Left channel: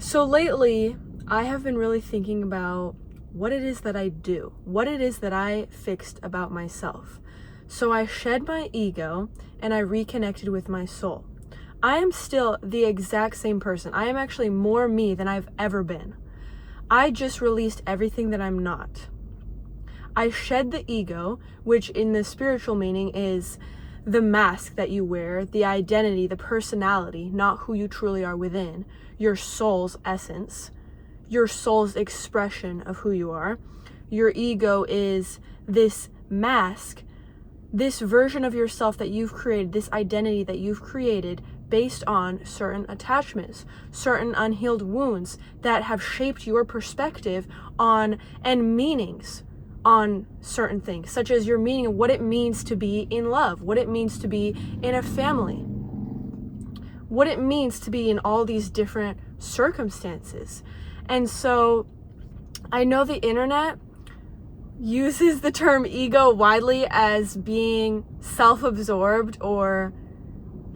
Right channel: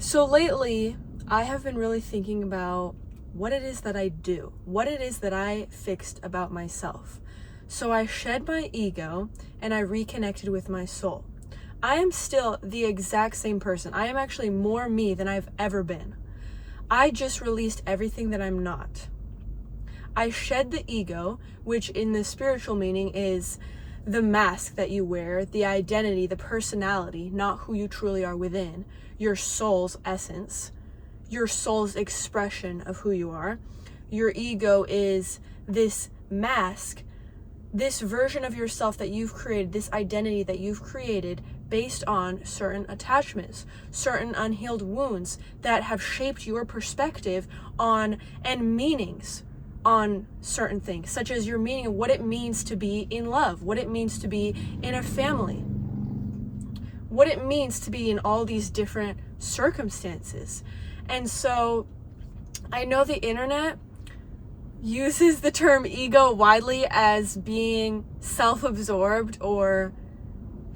So lately, I have been really thinking about what it is that I do, what it is that I fixed about myself. So I shed my ego and I reconnected with my soul. I am still the exact same person. I am actually more me than I've ever been. I just released everything that I'm not. I shed the ego, which in the spiritual meaning is the mask that you wear, the identity, the personality, not who you truly are within, your soul's essence, your soul's expression of who you are. Your ego is this mask, this version of yourself that you've created, this identity that you've created based on certain attachments, certain unhealed wounds that have shaped your perspective on and meanings on certain things, such as your meaning of what it means to be in love, what it means to be in a family, what it means to be in all these different circumstances. And so I know the internet uses the term ego widely as being self-absorbed or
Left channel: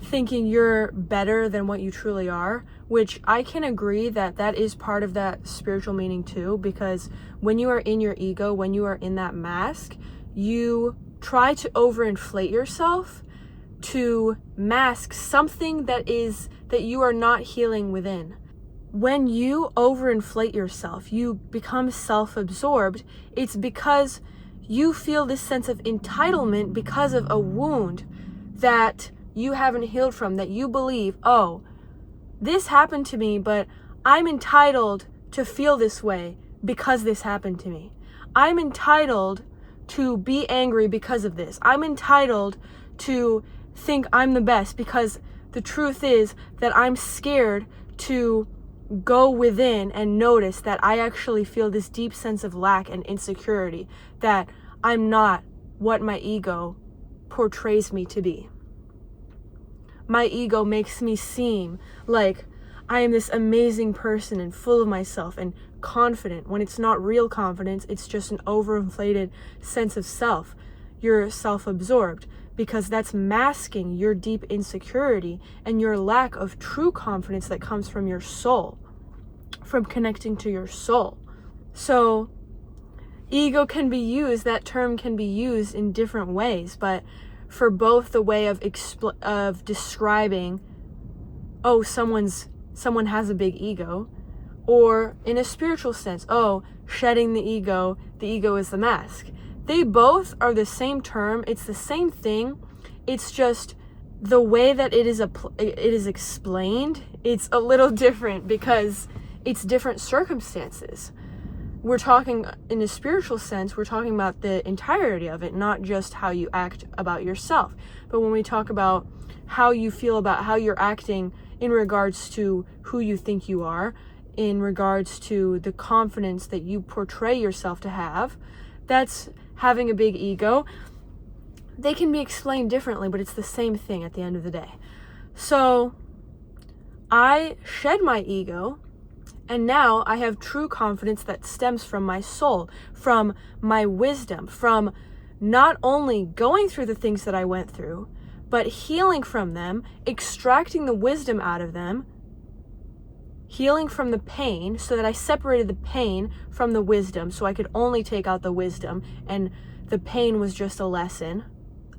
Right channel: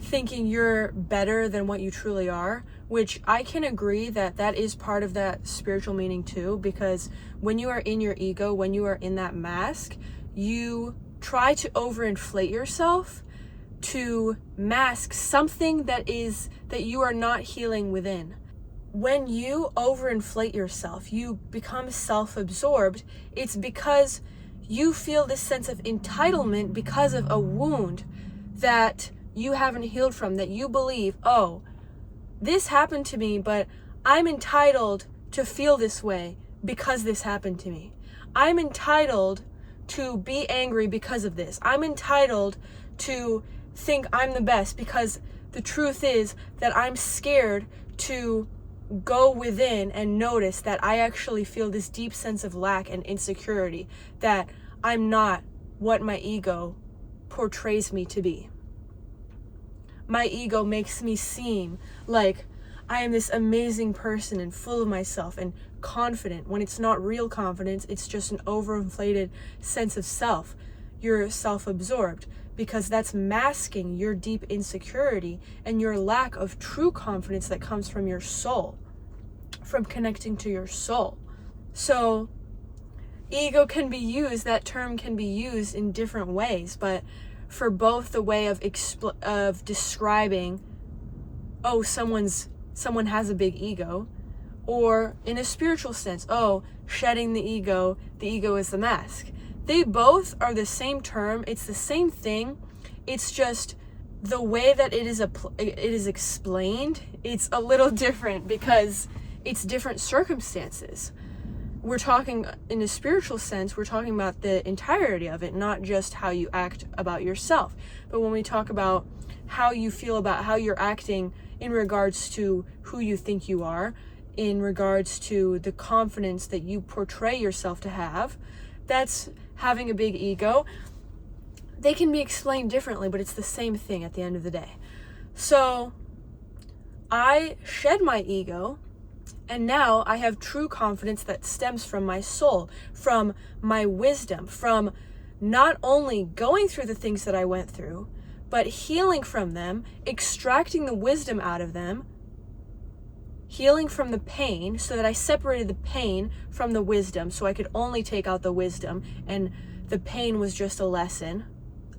thinking you're better than what you truly are, which I can agree that that is part of that spiritual meaning too, because when you are in your ego, when you are in that mask, you try to overinflate yourself to mask something that you are not healing within. When you overinflate yourself, you become self-absorbed, it's because you feel this sense of entitlement because of a wound that you haven't healed from, that you believe, oh, this happened to me, but I'm entitled to feel this way because this happened to me. I'm entitled to be angry because of this. I'm entitled to think I'm the best because the truth is that I'm scared to go within and notice that I actually feel this deep sense of lack and insecurity, that I'm not what my ego portrays me to be. My ego makes me seem like I am this amazing person and full of myself and confident, when it's not real confidence, it's just an overinflated sense of self. You're self-absorbed because that's masking your deep insecurity and your lack of true confidence that comes from your soul, from connecting to your soul. So ego can be used, that term can be used in different ways, but for both the way of describing, oh, someone has a big ego, or in a spiritual sense, oh, shedding the ego is the mask. They both are the same term, it's the same thing, it's just the way that it is explained, it's a little different because it's different circumstances. We're talking in a spiritual sense, we're talking about the entirety of it, not just how you act about yourself. But when we talk about how you feel about how you're acting in regards to who you think you are, in regards to the confidence that you portray yourself to have, that's having a big ego. They can be explained differently, but it's the same thing at the end of the day. So I shed my ego, and now I have true confidence that stems from my soul, from my wisdom, from not only going through the things that I went through, but healing from them, extracting the wisdom out of them, healing from the pain, so that I separated the pain from the wisdom, so I could only take out the wisdom, and the pain was just a lesson.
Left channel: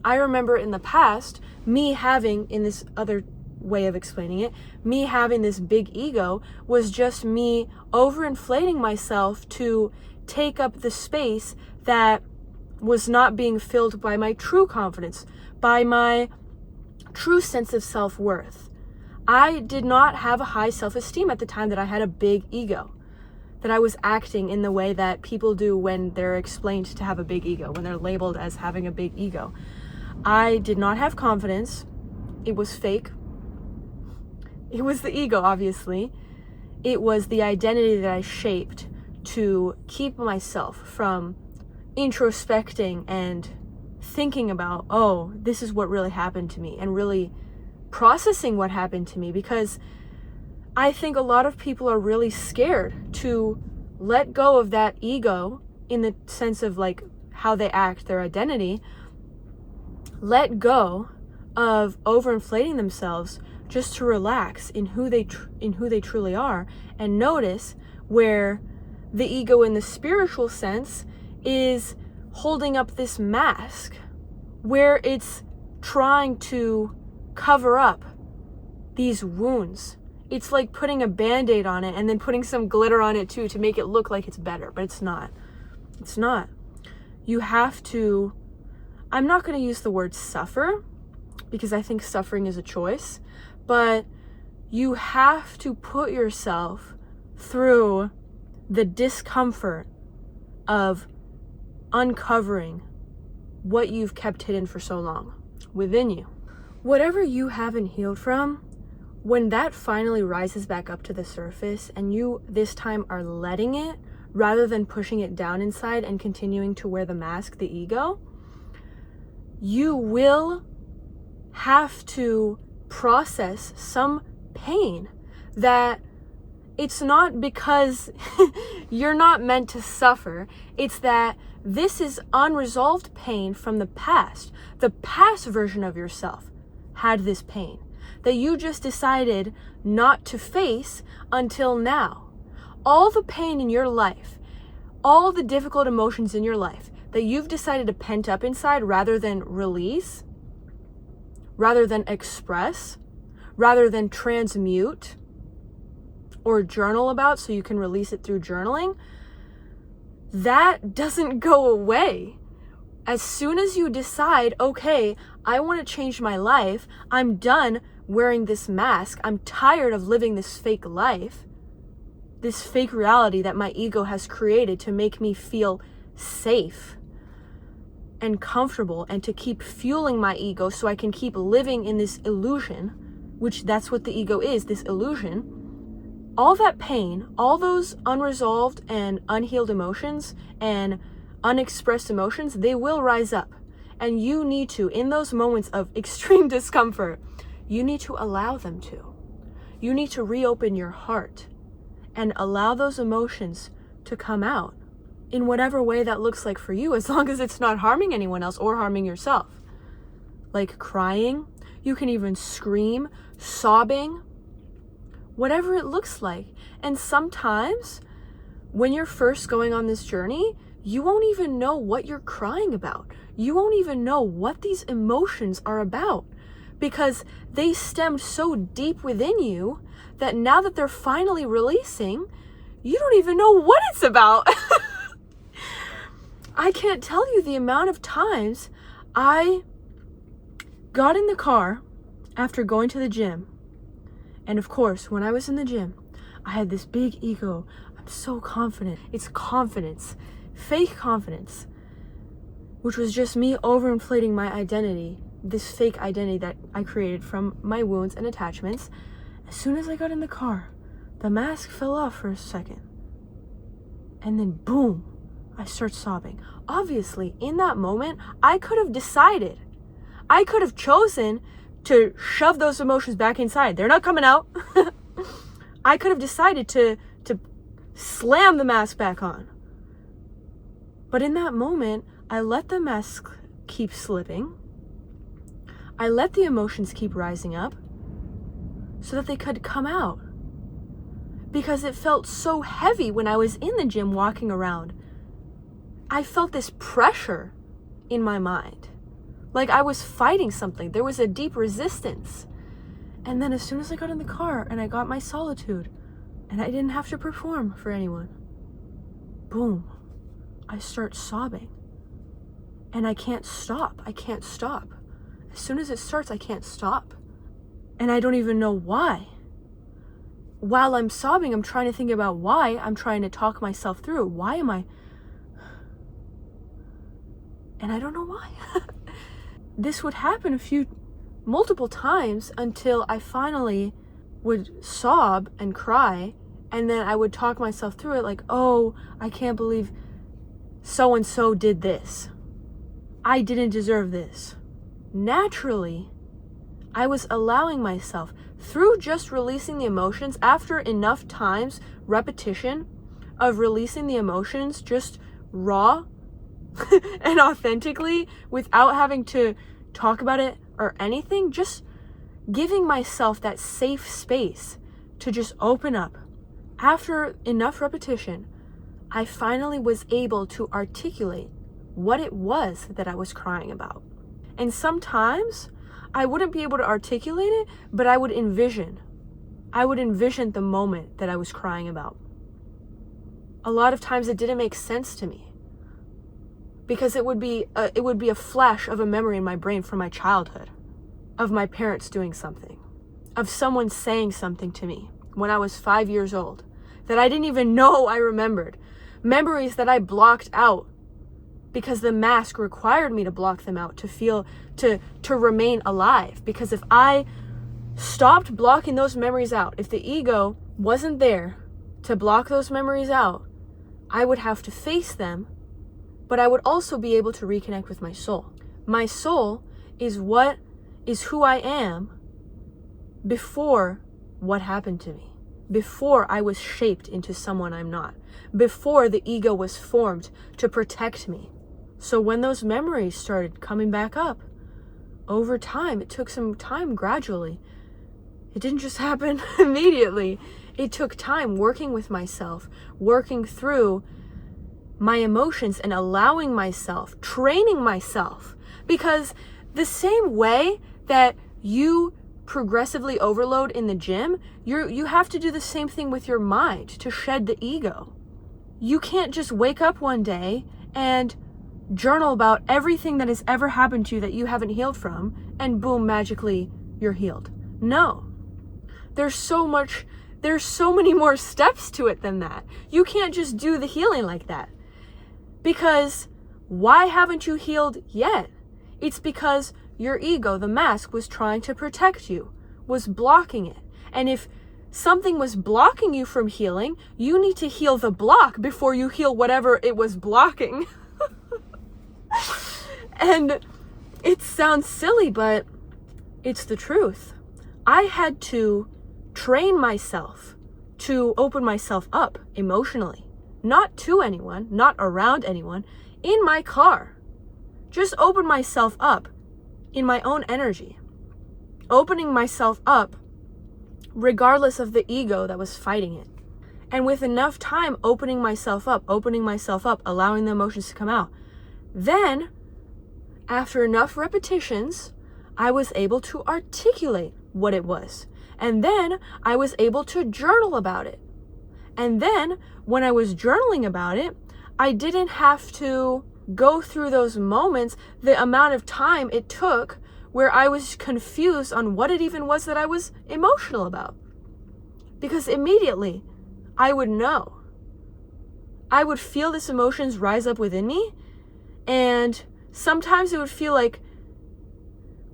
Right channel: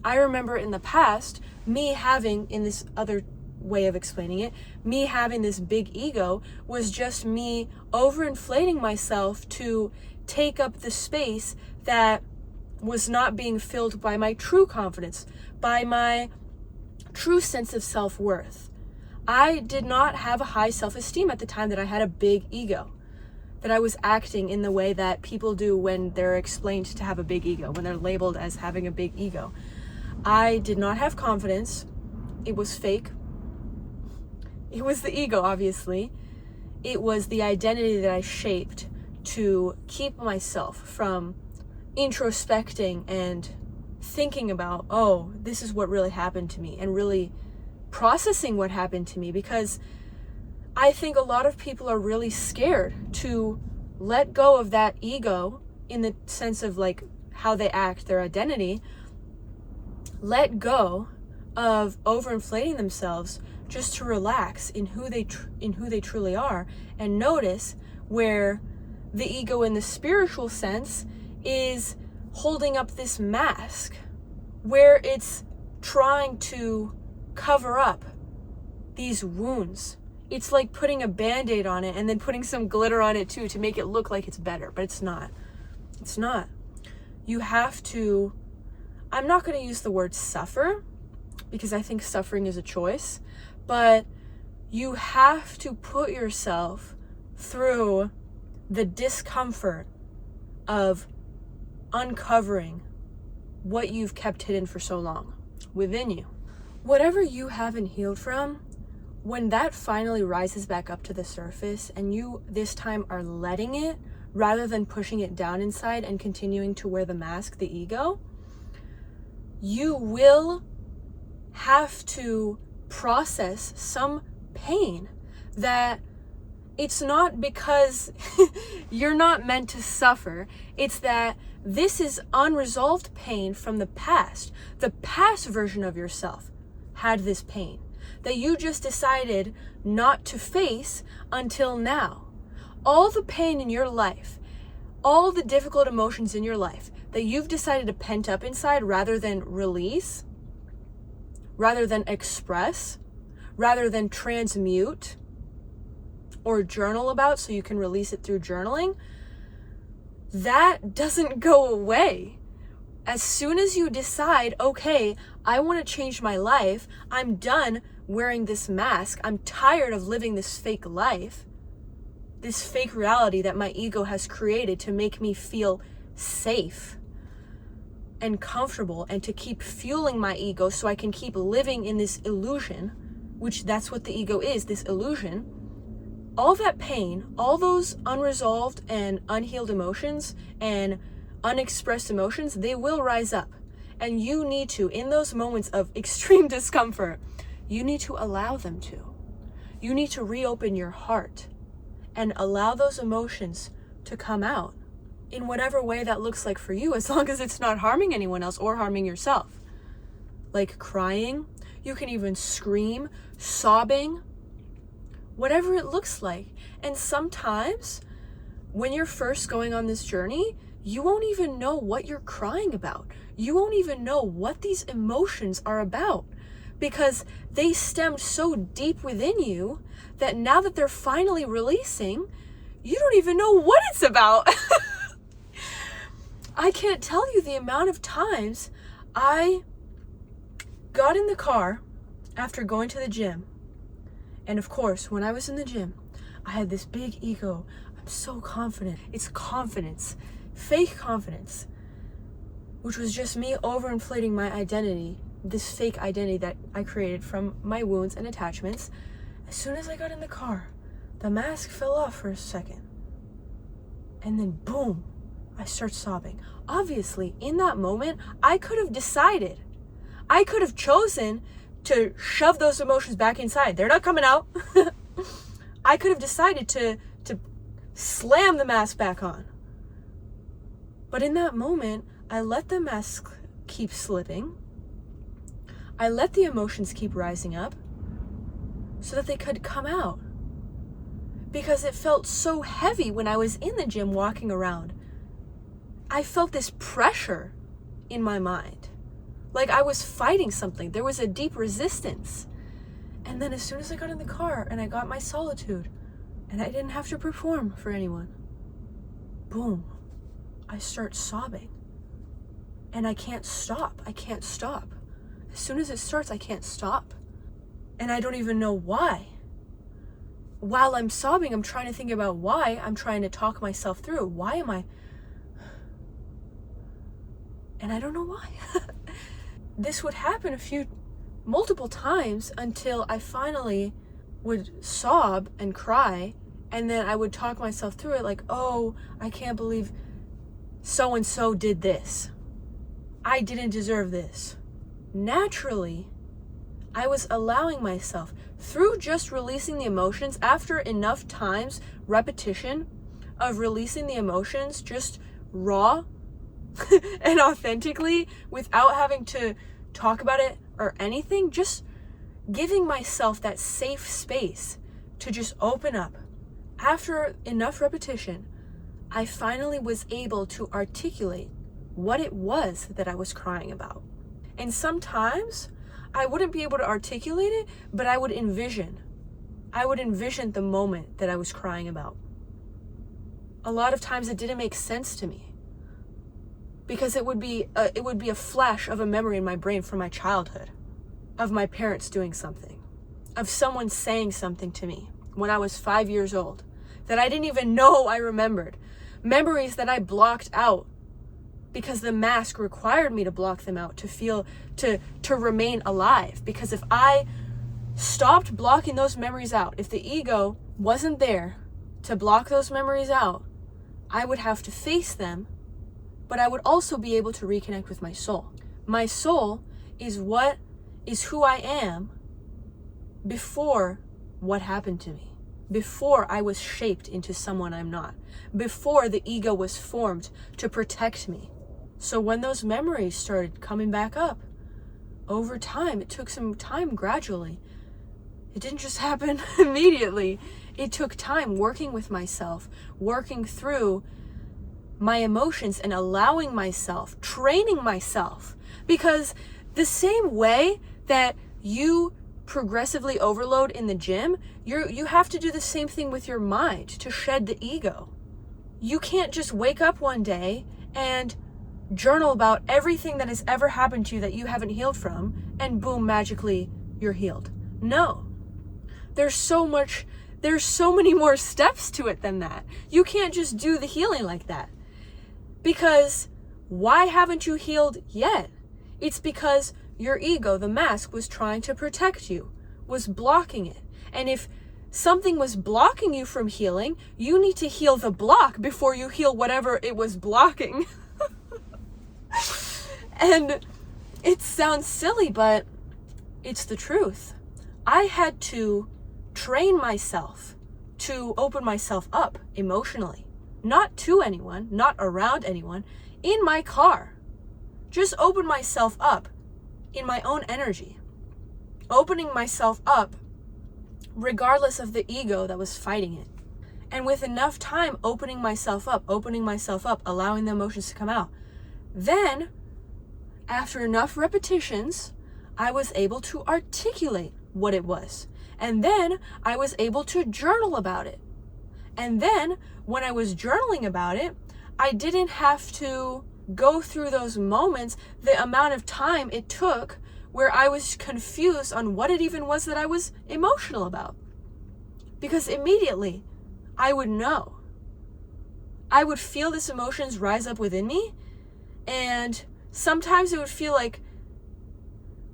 I remember in the past, me having, in this other way of explaining it, me having this big ego was just me overinflating myself to take up the space that was not being filled by my true confidence, by my true sense of self-worth. I did not have a high self-esteem at the time that I had a big ego, that I was acting in the way that people do when they're explained to have a big ego, when they're labeled as having a big ego. I did not have confidence. It was fake. It was the ego, obviously. It was the identity that I shaped to keep myself from introspecting and thinking about, oh, this is what really happened to me, and really processing what happened to me, because I think a lot of people are really scared to let go of that ego in the sense of like how they act, their identity, let go of overinflating themselves just to relax in who they truly are, and notice where the ego in the spiritual sense is holding up this mask, where it's trying to cover up these wounds. It's like putting a band-aid on it and then putting some glitter on it too to make it look like it's better, but it's not. It's not. You have to, I'm not going to use the word suffer, because I think suffering is a choice, but you have to put yourself through the discomfort of uncovering what you've kept hidden for so long within you. Whatever you haven't healed from, when that finally rises back up to the surface and you this time are letting it rather than pushing it down inside and continuing to wear the mask, the ego, you will have to process some pain that it's not because you're not meant to suffer. It's that this is unresolved pain from the past. The past version of yourself had this pain that you just decided not to face until now. All the pain in your life, all the difficult emotions in your life that you've decided to pent up inside rather than release, rather than express, rather than transmute or journal about so you can release it through journaling, that doesn't go away. As soon as you decide, okay, I want to change my life, I'm done wearing this mask, I'm tired of living this fake life, this fake reality that my ego has created to make me feel safe and comfortable and to keep fueling my ego so I can keep living in this illusion, which that's what the ego is, this illusion. All that pain, all those unresolved and unhealed emotions and unexpressed emotions, they will rise up. And you need to, in those moments of extreme discomfort, you need to allow them to. You need to reopen your heart and allow those emotions to come out in whatever way that looks like for you, as long as it's not harming anyone else or harming yourself. Like crying, you can even scream, sobbing, whatever it looks like. And sometimes when you're first going on this journey, you won't even know what you're crying about. You won't even know what these emotions are about, because they stemmed so deep within you that now that they're finally releasing, you don't even know what it's about. I can't tell you the amount of times I got in the car after going to the gym. And of course, when I was in the gym, I had this big ego. I'm so confident. It's confidence, fake confidence, which was just me overinflating my identity, this fake identity that I created from my wounds and attachments. As soon as I got in the car, the mask fell off for a second. And then boom, I start sobbing. Obviously, in that moment, I could have decided, I could have chosen to shove those emotions back inside. They're not coming out. I could have decided to slam the mask back on. But in that moment, I let the mask keep slipping. I let the emotions keep rising up so that they could come out. Because it felt so heavy when I was in the gym walking around. I felt this pressure in my mind. Like I was fighting something. There was a deep resistance. And then as soon as I got in the car and I got my solitude and I didn't have to perform for anyone, boom, I start sobbing. And I can't stop. I can't stop. As soon as it starts, I can't stop. And I don't even know why. While I'm sobbing, I'm trying to think about why. I'm trying to talk myself through. Why am I? And I don't know why. This would happen multiple times until I finally would sob and cry. And then I would talk myself through it like, oh, I can't believe so-and-so did this. I didn't deserve this. Naturally, I was allowing myself, through just releasing the emotions, after enough times, repetition of releasing the emotions, just raw and authentically, without having to talk about it or anything, just giving myself that safe space to just open up. After enough repetition, I finally was able to articulate what it was that I was crying about. And sometimes I wouldn't be able to articulate it, but I would envision the moment that I was crying about. A lot of times it didn't make sense to me because it would be a flash of a memory in my brain from my childhood, of my parents doing something, of someone saying something to me when I was 5 years old that I didn't even know I remembered. Memories that I blocked out because the mask required me to block them out to remain alive. Because if I stopped blocking those memories out, if the ego wasn't there to block those memories out, I would have to face them, but I would also be able to reconnect with my soul. My soul is who I am before what happened to me, before I was shaped into someone I'm not, before the ego was formed to protect me. So when those memories started coming back up, over time, it took some time gradually. It didn't just happen immediately. It took time working with myself, working through my emotions and allowing myself, training myself. Because the same way that you progressively overload in the gym, you have to do the same thing with your mind to shed the ego. You can't just wake up one day and journal about everything that has ever happened to you that you haven't healed from, and boom, magically you're healed. No. There's so many more steps to it than that. You can't just do the healing like that. Because why haven't you healed yet? It's because your ego, the mask, was trying to protect you, was blocking it. And if something was blocking you from healing, you need to heal the block before you heal whatever it was blocking. And it sounds silly, but it's the truth. I had to train myself to open myself up emotionally, not to anyone, not around anyone, in my car. Just open myself up in my own energy, opening myself up regardless of the ego that was fighting it. And with enough time opening myself up, allowing the emotions to come out, then after enough repetitions, I was able to articulate what it was. And then I was able to journal about it. And then when I was journaling about it, I didn't have to go through those moments, the amount of time it took where I was confused on what it even was that I was emotional about. Because immediately I would know. I would feel this emotions rise up within me, and sometimes it would feel like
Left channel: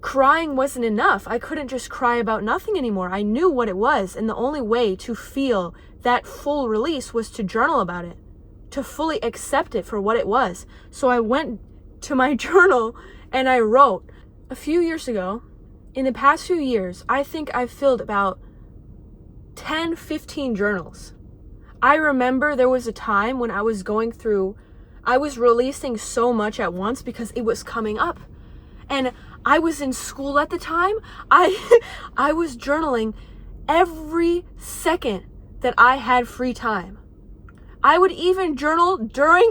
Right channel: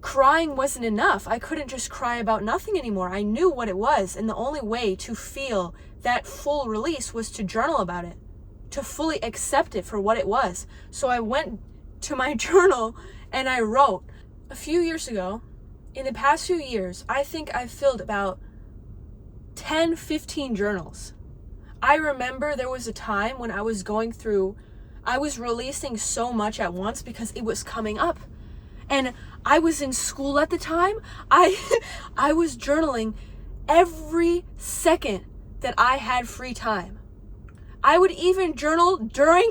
crying wasn't enough. I couldn't just cry about nothing anymore. I knew what it was, and the only way to feel that full release was to journal about it, to fully accept it for what it was. So I went to my journal and I wrote. A few years ago, in the past few years, I think I've filled about 10, 15 journals. I remember there was a time when I was releasing so much at once because it was coming up. And I was in school at the time. I was journaling every second that I had free time. I would even journal during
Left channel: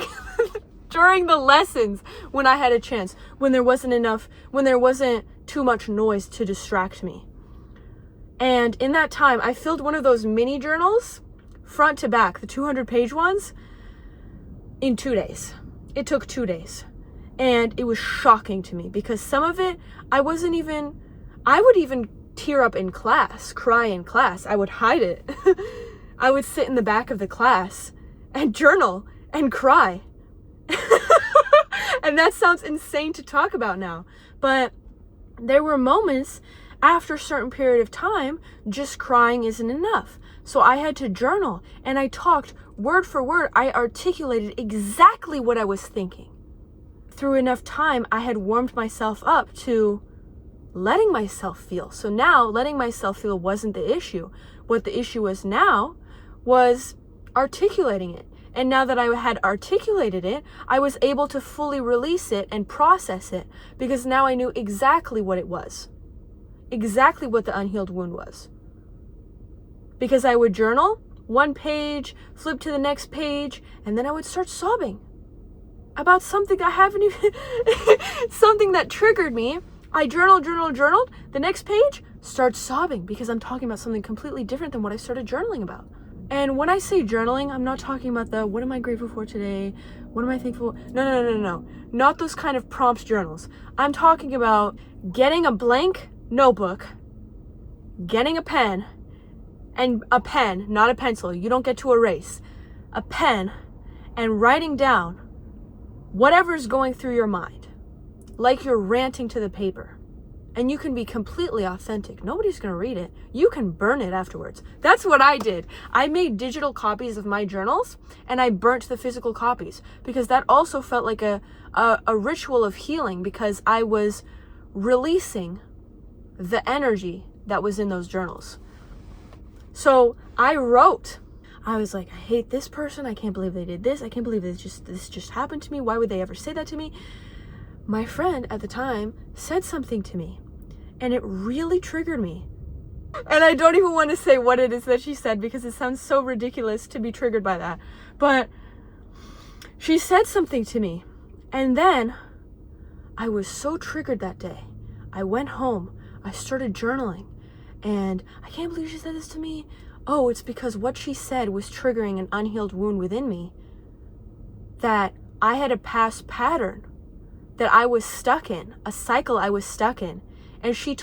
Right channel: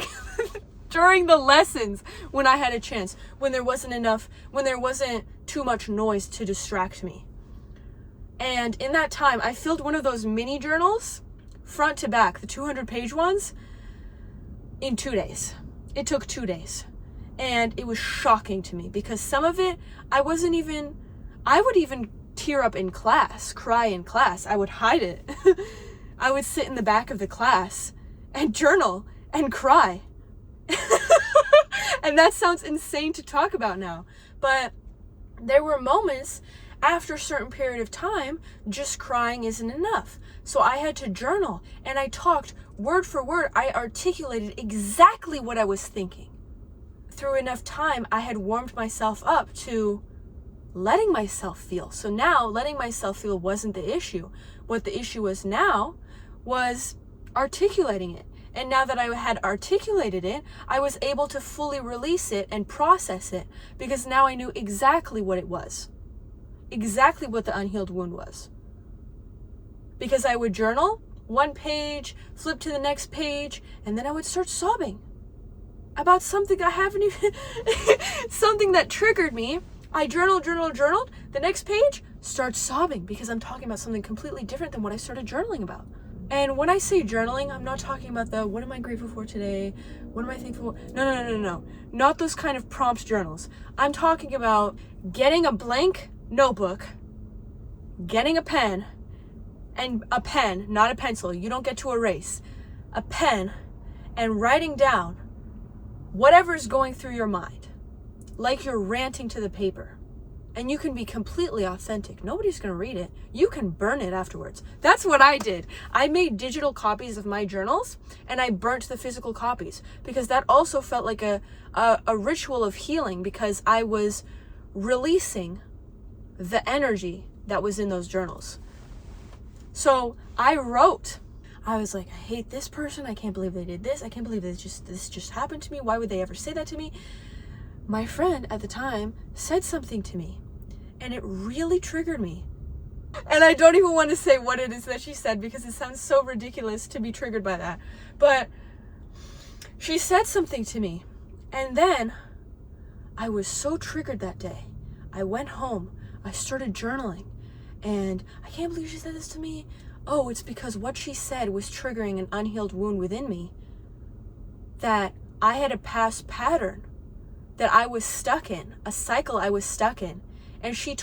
the lessons when I had a chance, when there wasn't too much noise to distract me. And in that time, I filled one of those mini journals, front to back, the 200-page ones, in 2 days. It took 2 days. And it was shocking to me because some of it, I would even tear up in class, cry in class. I would hide it. I would sit in the back of the class and journal and cry. And that sounds insane to talk about now. But there were moments after a certain period of time, just crying isn't enough. So I had to journal, and I talked word for word. I articulated exactly what I was thinking. Through enough time, I had warmed myself up to letting myself feel. So now letting myself feel wasn't the issue. What the issue was now was articulating it. And now that I had articulated it, I was able to fully release it and process it because now I knew exactly what it was. exactly what the unhealed wound was. Because I would journal one page, flip to the next page, and then I would start sobbing about something I haven't even, something that triggered me. I journaled. The next page, start sobbing because I'm talking about something completely different than what I started journaling about. And when I say journaling, I'm not talking about the, what am I grateful for today? What am I thankful for? No. Not those kind of prompt journals. I'm talking about getting a blank notebook, getting a pen, and a pen, not a pencil. You don't get to erase. A pen, and writing down whatever's going through your mind, like you're ranting to the paper. And you can be completely authentic. Nobody's going to read it. You can burn it afterwards. That's what I did. I made digital copies of my journals and I burnt the physical copies because that also felt like a ritual of healing because I was releasing the energy that was in those journals. So I wrote. I was like, I hate this person. I can't believe they did this. I can't believe this just happened to me. Why would they ever say that to me? My friend at the time said something to me and it really triggered me. And I don't even want to say what it is that she said because it sounds so ridiculous to be triggered by that. But she said something to me and then I was so triggered that day. I went home, I started journaling and I can't believe she said this to me. Oh, it's because what she said was triggering an unhealed wound within me that I had a past pattern that I was stuck in, a cycle I was stuck in. And she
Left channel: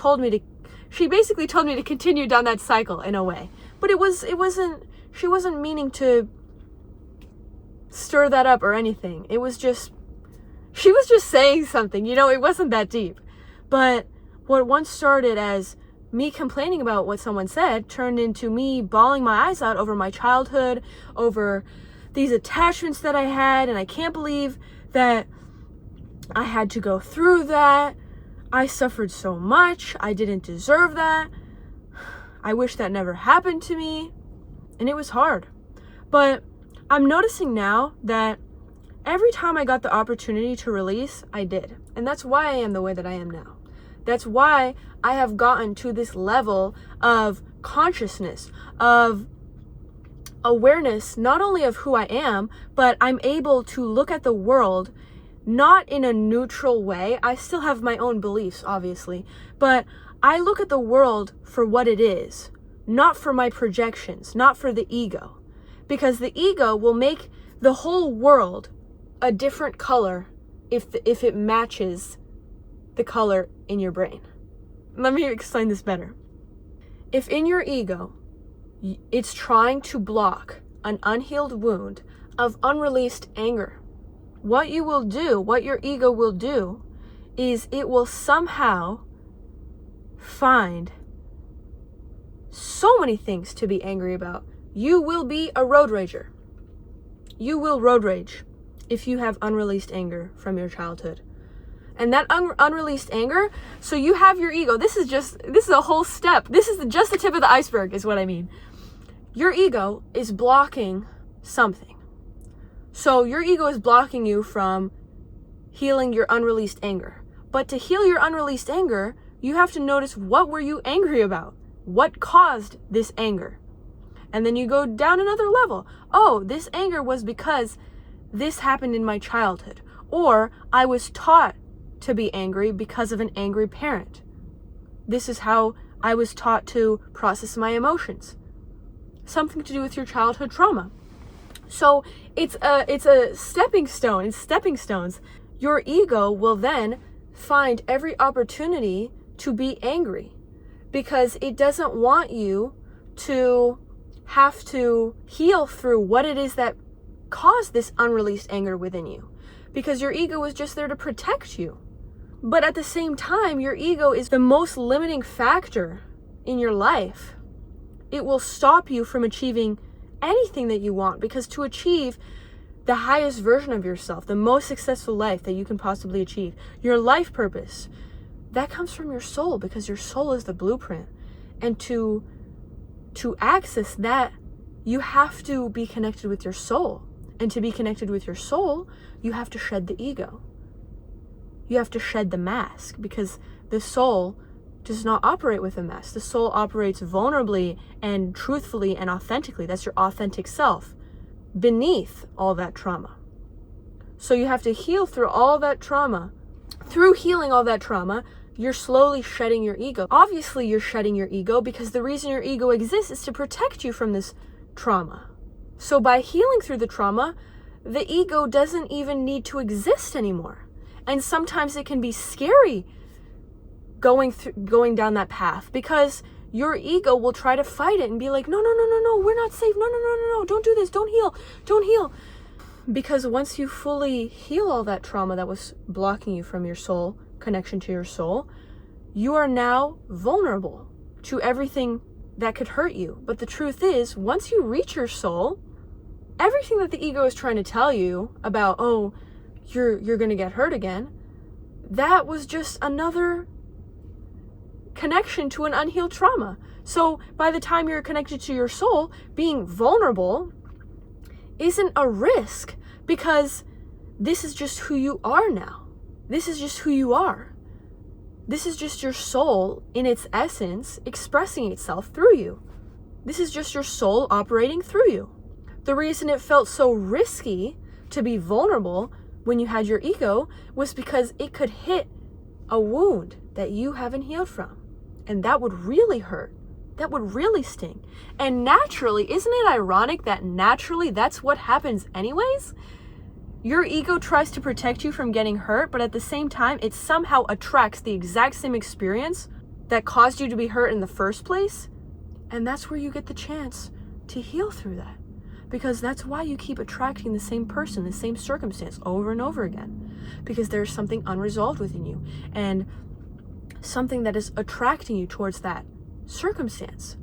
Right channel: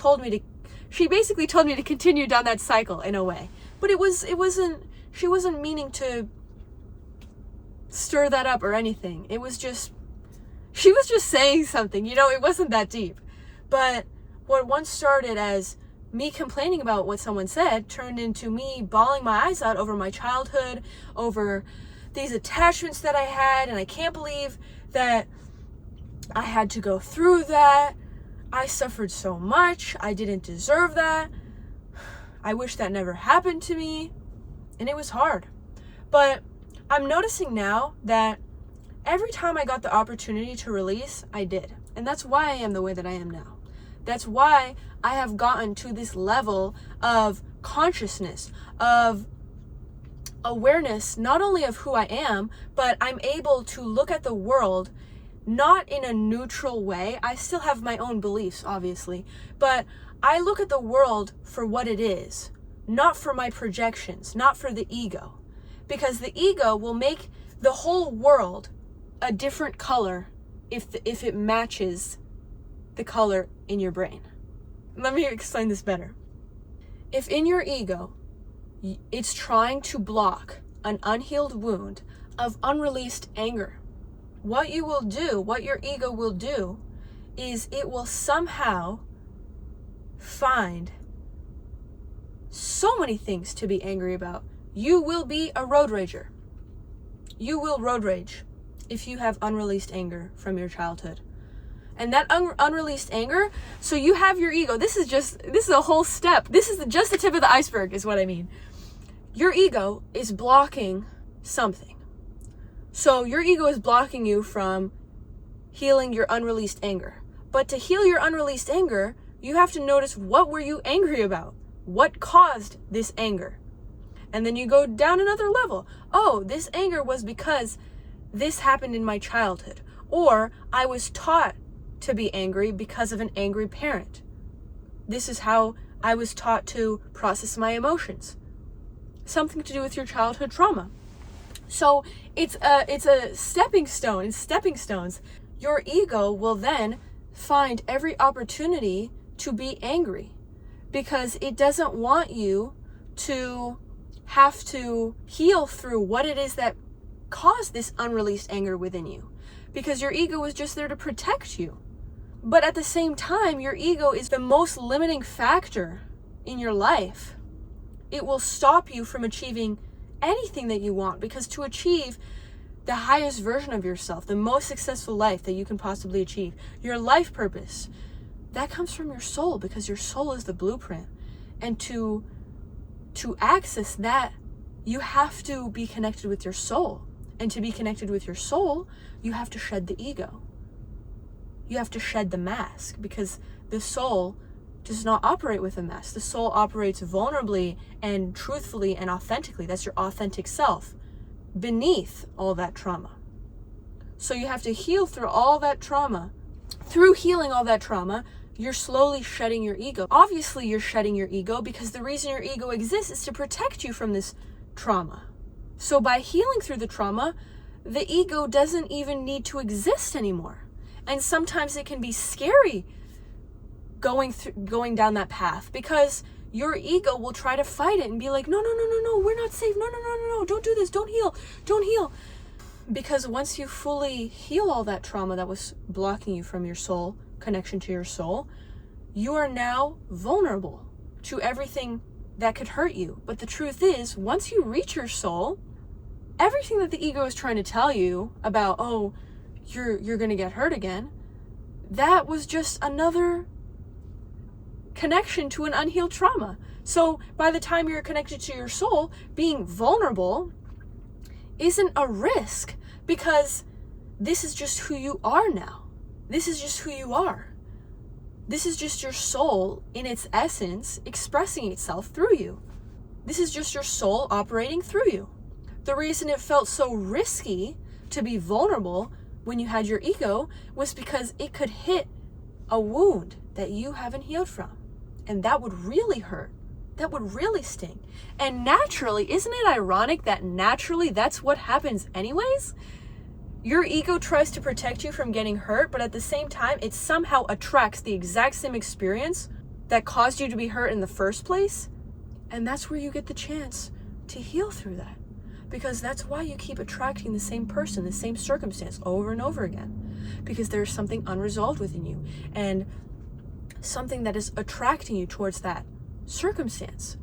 basically told me to continue down that cycle in a way. But she wasn't meaning to stir that up or anything. She was just saying something, it wasn't that deep. But what once started as me complaining about what someone said turned into me bawling my eyes out over my childhood, over these attachments that I had, and I can't believe that I had to go through that. I suffered so much. I didn't deserve that. I wish that never happened to me. And it was hard. But I'm noticing now that every time I got the opportunity to release, I did. And that's why I am the way that I am now. That's why I have gotten to this level of consciousness, of awareness, not only of who I am, but I'm able to look at the world not in a neutral way. I still have my own beliefs, obviously, but I look at the world for what it is, not for my projections, not for the ego, because the ego will make the whole world a different color if it matches the color in your brain. Let me explain this better. If in your ego, it's trying to block an unhealed wound of unreleased anger, what your ego will do is it will somehow find so many things to be angry about. You will be a road rager. You will road rage if you have unreleased anger from your childhood. And that unreleased anger, so you have your ego. This is a whole step. This is just the tip of the iceberg is what I mean. Your ego is blocking something. So your ego is blocking you from healing your unreleased anger. But to heal your unreleased anger, you have to notice, what were you angry about? What caused this anger? And then you go down another level. Oh, this anger was because this happened in my childhood. Or I was taught to be angry because of an angry parent. This is how I was taught to process my emotions. Something to do with your childhood trauma. So it's a stepping stone. In stepping stones, your ego will then find every opportunity to be angry because it doesn't want you to have to heal through what it is that caused this unreleased anger within you, because your ego is just there to protect you. But at the same time, your ego is the most limiting factor in your life. It will stop you from achieving anything that you want, because to achieve the highest version of yourself, the most successful life that you can possibly achieve, your life purpose, that comes from your soul, because your soul is the blueprint. And to access that, you have to be connected with your soul. And to be connected with your soul, you have to shed the ego. You have to shed the mask, because the soul does not operate with a mask. The soul operates vulnerably and truthfully and authentically. That's your authentic self beneath all that trauma. So you have to heal through all that trauma. Through healing all that trauma, you're slowly shedding your ego. Obviously, you're shedding your ego because the reason your ego exists is to protect you from this trauma. So by healing through the trauma, the ego doesn't even need to exist anymore. And sometimes it can be scary going down that path because your ego will try to fight it and be like, no, we're not safe. No, don't do this. Don't heal. Because once you fully heal all that trauma that was blocking you from your soul, connection to your soul, you are now vulnerable to everything that could hurt you. But the truth is, once you reach your soul, everything that the ego is trying to tell you about, oh, you're going to get hurt again, that was just another connection to an unhealed trauma. So by the time you're connected to your soul, being vulnerable isn't a risk because this is just who you are now. This is just who you are. This is just your soul in its essence expressing itself through you. This is just your soul operating through you. The reason it felt so risky to be vulnerable when you had your ego was because it could hit a wound that you haven't healed from. And that would really hurt. That would really sting. And naturally, isn't it ironic that naturally that's what happens anyways? Your ego tries to protect you from getting hurt, but at the same time, it somehow attracts the exact same experience that caused you to be hurt in the first place. And that's where you get the chance to heal through that. Because that's why you keep attracting the same person, the same circumstance over and over again. Because there's something unresolved within you and something that is attracting you towards that circumstance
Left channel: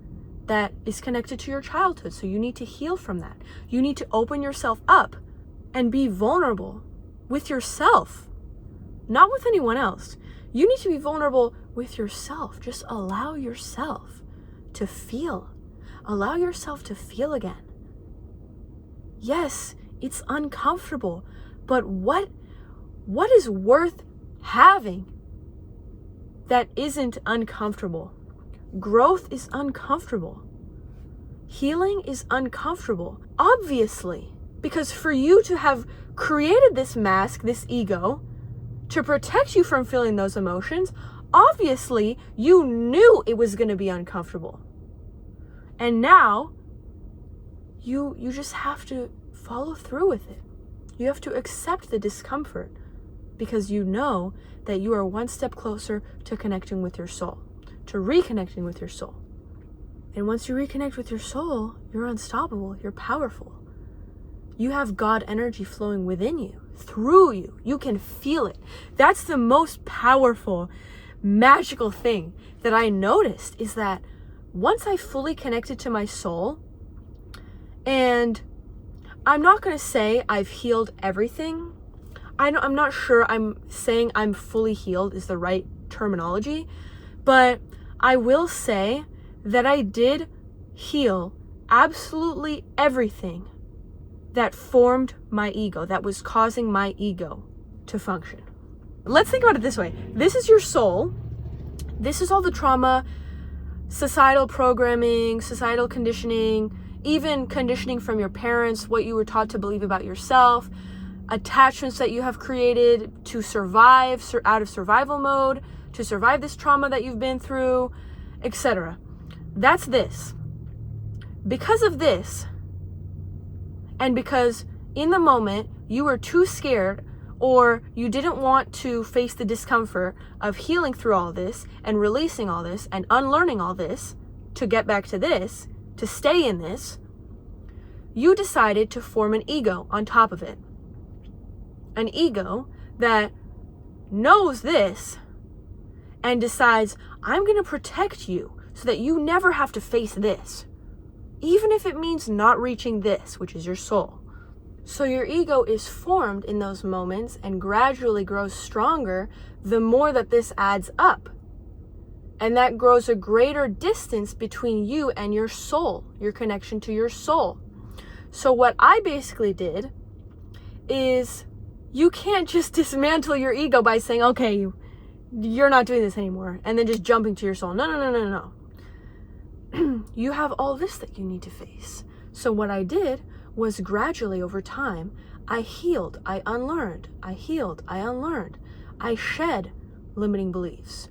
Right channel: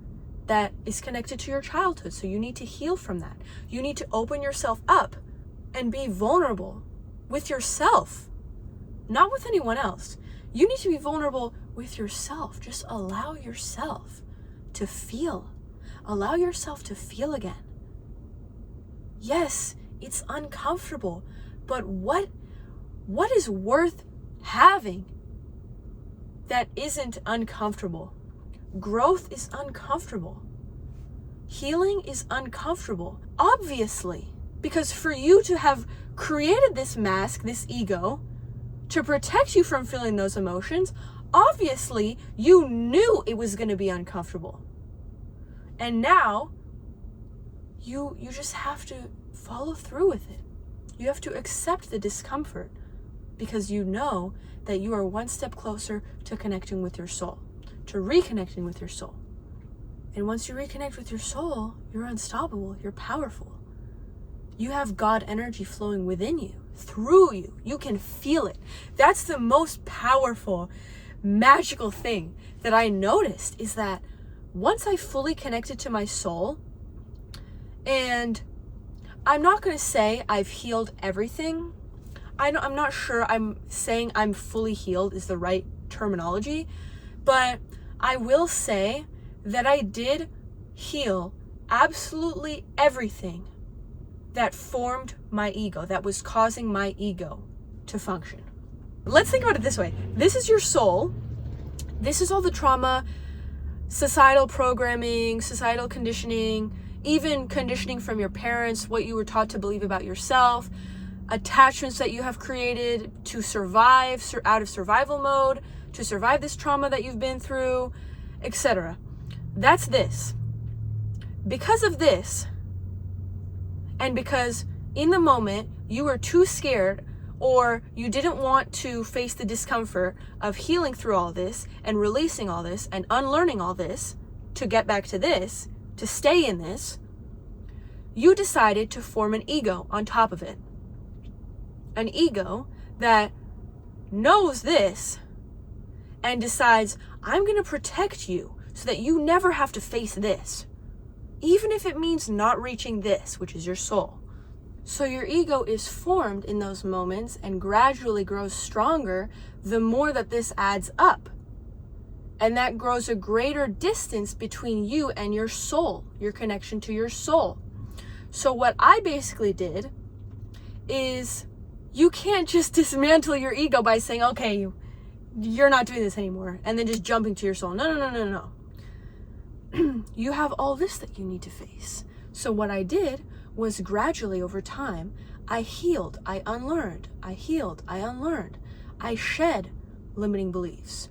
that is connected to your childhood. So you need to heal from that. You need to open yourself up and be vulnerable with yourself, not with anyone else. You need to be vulnerable with yourself. Just allow yourself to feel. Allow yourself to feel again. Yes, it's uncomfortable, but what is worth having that isn't uncomfortable? Growth is uncomfortable. Healing is uncomfortable, obviously, because for you to have created this mask, this ego, to protect you from feeling those emotions, obviously you knew it was going to be uncomfortable. And now you just have to follow through with it. You have to accept the discomfort because you know that you are one step closer to connecting with your soul, to reconnecting with your soul. And once you reconnect with your soul, you're unstoppable, you're powerful. You have God energy flowing within you, through you. You can feel it. That's the most powerful, magical thing that I noticed is that once I fully connected to my soul, and I'm not going to say I've healed everything. I'm not sure I'm saying I'm fully healed is the right terminology, but I will say that I did heal absolutely everything that formed my ego, that was causing my ego to function. Let's think about it this way. This is your soul. This is all the trauma, societal programming, societal conditioning, even conditioning from your parents, what you were taught to believe about yourself, attachments that you have created to survive, out of survival mode, to survive this trauma that you've been through, etc. That's this. Because of this, and because in the moment you were too scared or you didn't want to face the discomfort of healing through all this and releasing all this and unlearning all this to get back to this, to stay in this, you decided to form an ego on top of it. An ego that knows this and decides, I'm going to protect you so that you never have to face this, even if it means not reaching this, which is your soul. So your ego is formed in those moments and gradually grows stronger the more that this adds up. And that grows a greater distance between you and your soul, your connection to your soul. So what I basically did is, you can't just dismantle your ego by saying, okay, you're not doing this anymore, and then just jumping to your soul. No. You have all this that you need to face. So what I did was gradually over time, I healed, I unlearned, I healed, I unlearned. I shed limiting beliefs.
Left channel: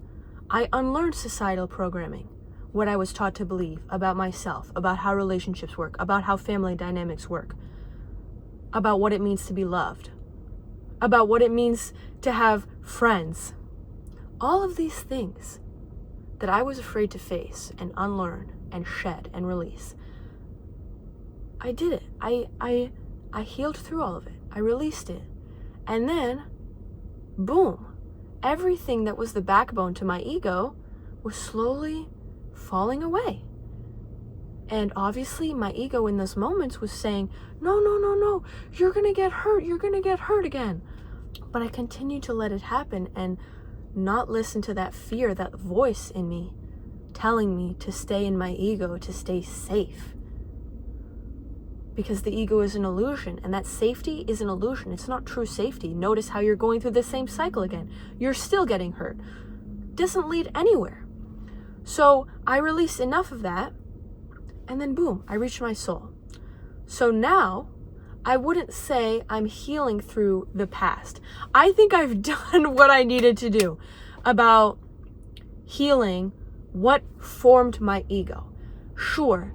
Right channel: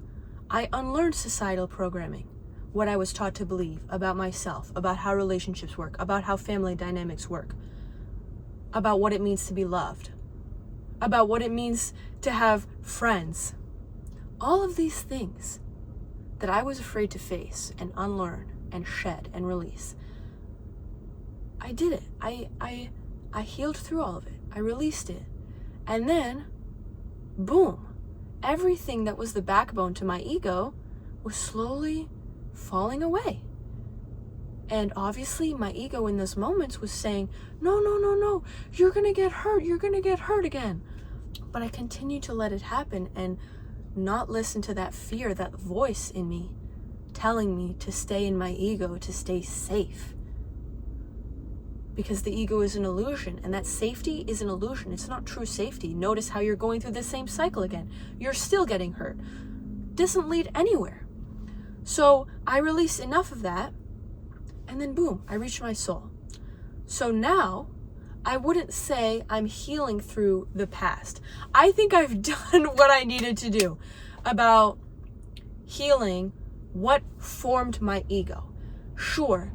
I unlearned societal programming, what I was taught to believe about myself, about how relationships work, about how family dynamics work, about what it means to be loved, about what it means to have friends. All of these things that I was afraid to face and unlearn and shed and release. I did it. I healed through all of it. I released it. And then, boom, everything that was the backbone to my ego was slowly falling away. And obviously my ego in those moments was saying, no, you're gonna get hurt again. But I continued to let it happen and not listen to that fear, that voice in me telling me to stay in my ego, to stay safe. Because the ego is an illusion, and that safety is an illusion. It's not true safety. Notice how you're going through the same cycle again. You're still getting hurt. Doesn't lead anywhere. So I released enough of that, and then boom, I reached my soul. So now, I wouldn't say I'm healing through the past. I think I've done what I needed to do about healing what formed my ego. Sure,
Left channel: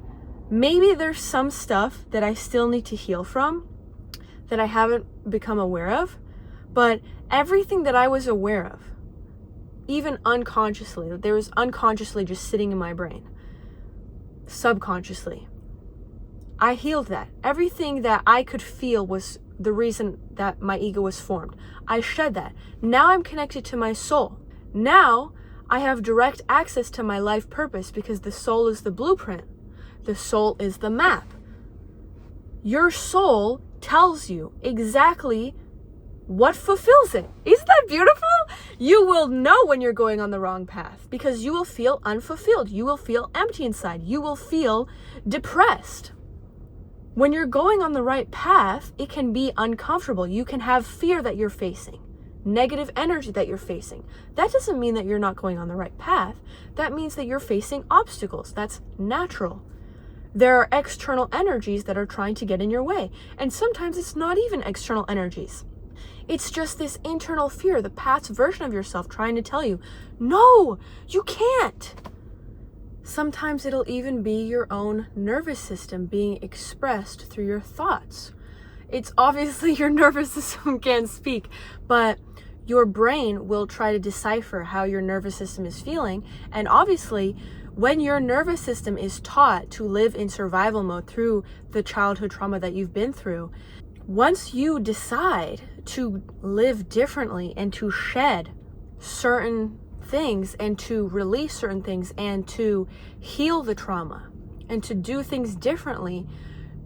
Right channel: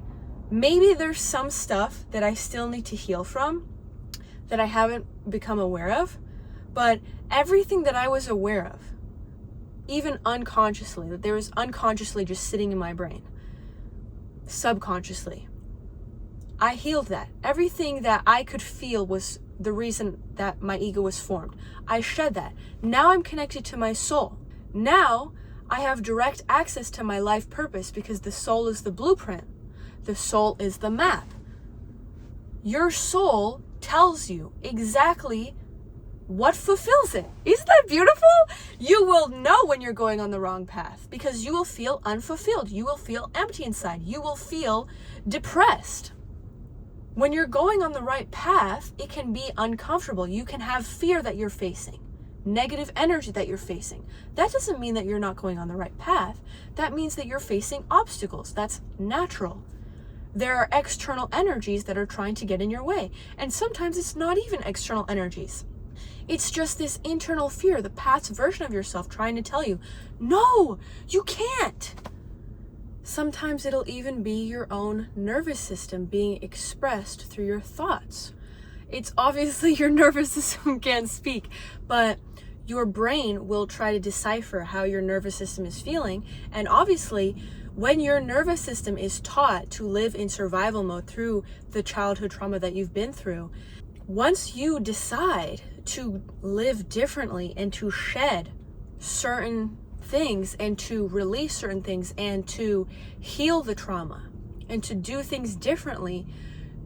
maybe there's some stuff that I still need to heal from that I haven't become aware of, but everything that I was aware of, even unconsciously, that there was unconsciously just sitting in my brain, subconsciously, I healed that. Everything that I could feel was the reason that my ego was formed. I shed that. Now I'm connected to my soul. Now I have direct access to my life purpose because the soul is the blueprint. The soul is the map. Your soul tells you exactly what fulfills it. Isn't that beautiful? You will know when you're going on the wrong path because you will feel unfulfilled. You will feel empty inside. You will feel depressed. When you're going on the right path, it can be uncomfortable. You can have fear that you're facing, negative energy that you're facing. That doesn't mean that you're not going on the right path. That means that you're facing obstacles. That's natural. There are external energies that are trying to get in your way. And sometimes it's not even external energies. It's just this internal fear, the past version of yourself trying to tell you, no, you can't. Sometimes it'll even be your own nervous system being expressed through your thoughts. It's obviously your nervous system can't speak, but your brain will try to decipher how your nervous system is feeling. And obviously, when your nervous system is taught to live in survival mode through the childhood trauma that you've been through, once you decide to live differently and to shed certain things and to release certain things and to heal the trauma and to do things differently,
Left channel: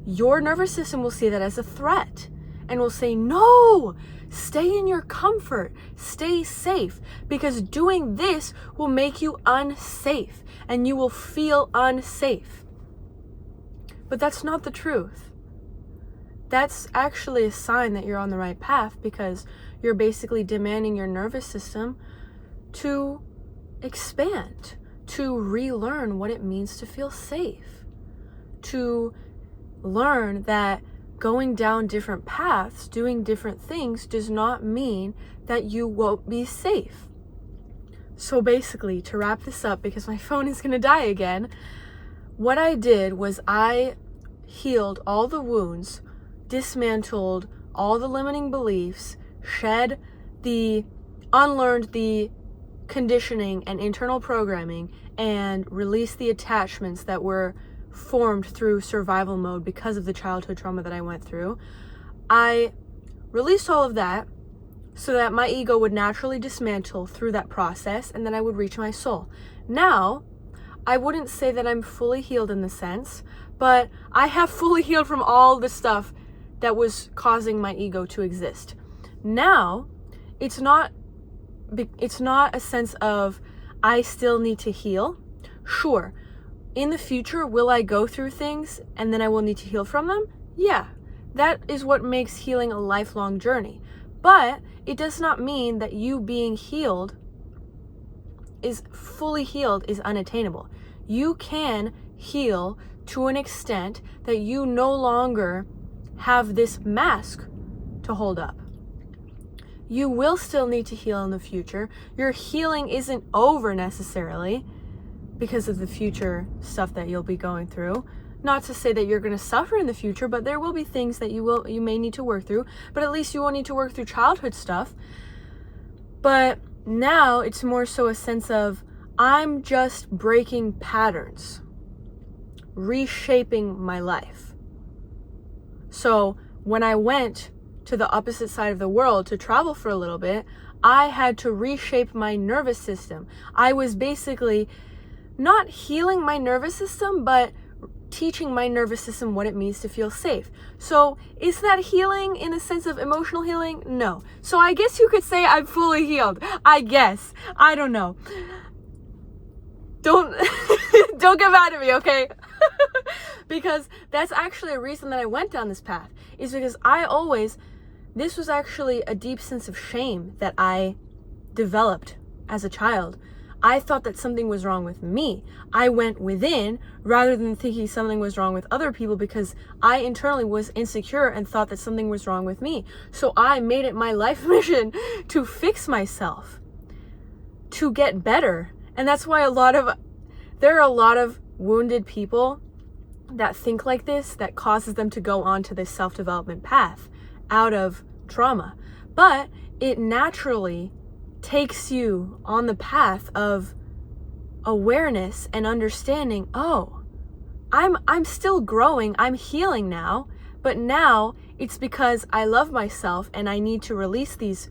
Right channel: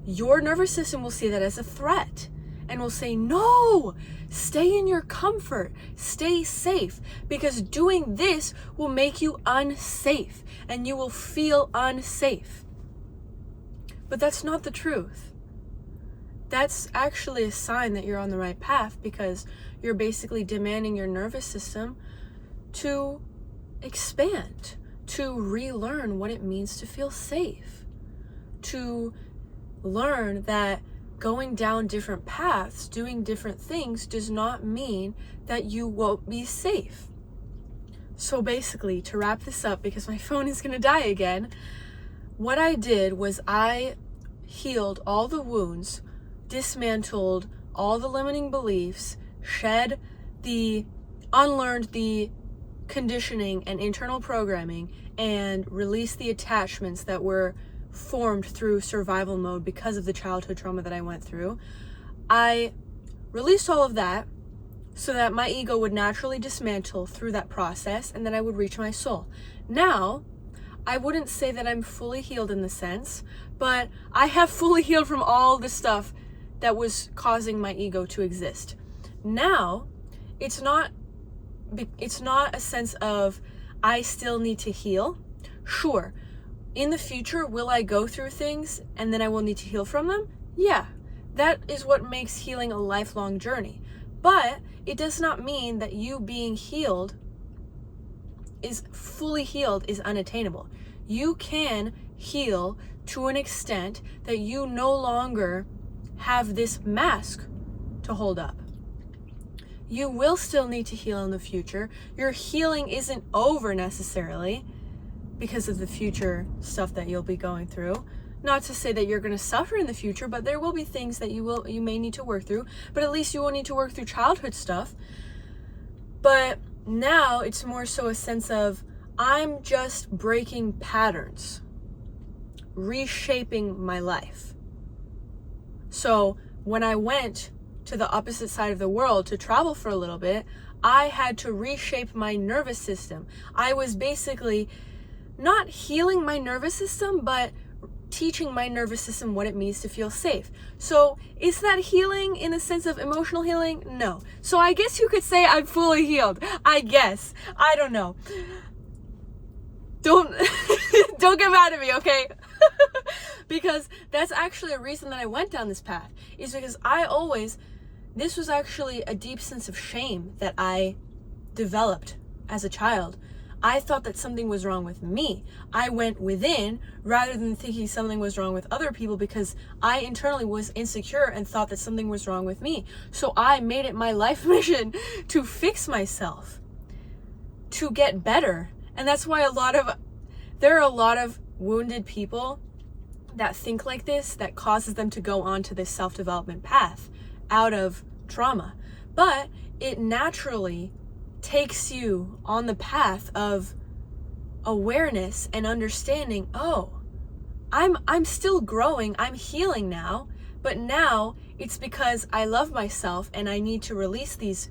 your nervous system will see that as a threat and will say, no, stay in your comfort, stay safe, because doing this will make you unsafe and you will feel unsafe. But that's not the truth. That's actually a sign that you're on the right path because you're basically demanding your nervous system to expand, to relearn what it means to feel safe, to learn that going down different paths, doing different things does not mean that you won't be safe. So basically, to wrap this up, because my phone is gonna die again, what I did was I healed all the wounds, dismantled all the limiting beliefs, unlearned the conditioning and internal programming, and released the attachments that were formed through survival mode because of the childhood trauma that I went through. I released all of that so that my ego would naturally dismantle through that process and then I would reach my soul. Now, I wouldn't say that I'm fully healed in the sense, but I have fully healed from all the stuff that was causing my ego to exist. Now, it's not a sense of I still need to heal. Sure, in the future, will I go through things and then I will need to heal from them? Yeah, that is what makes healing a lifelong journey. But it does not mean that you being healed is fully healed is unattainable. You can heal to an extent that you no longer have this mask to hold up. You will still need to heal in the future. Your healing isn't over necessarily because of the future stuff that you'll be going through. Not to say that you're going to suffer in the future, but there will be things that you may need to work through, but at least you won't need to work through childhood stuff. But now it's more so a sense of, I'm just breaking patterns, reshaping my life. So when I went to the opposite side of the world to travel for a little bit, I had to reshape my nervous system. I was basically not healing my nervous system, but teaching my nervous system what it means to feel safe. So is that healing in the sense of emotional healing? No. So I guess you could say I'm fully healed. I guess. I don't know. Don't get mad at me, okay? Because that's actually a reason that I went down this path, is because this was actually a deep sense of shame that I developed as a child. I thought that something was wrong with me. I went within rather than thinking something was wrong with other people, because I internally was insecure and thought that something was wrong with me. So I made it my life mission to fix myself, to get better. And that's why there are a lot of wounded people that think like this, that causes them to go onto this self-development path out of trauma. But it naturally takes you on the path of awareness and understanding, oh, I'm still growing, I'm healing now, but now it's because I love myself and I need to release these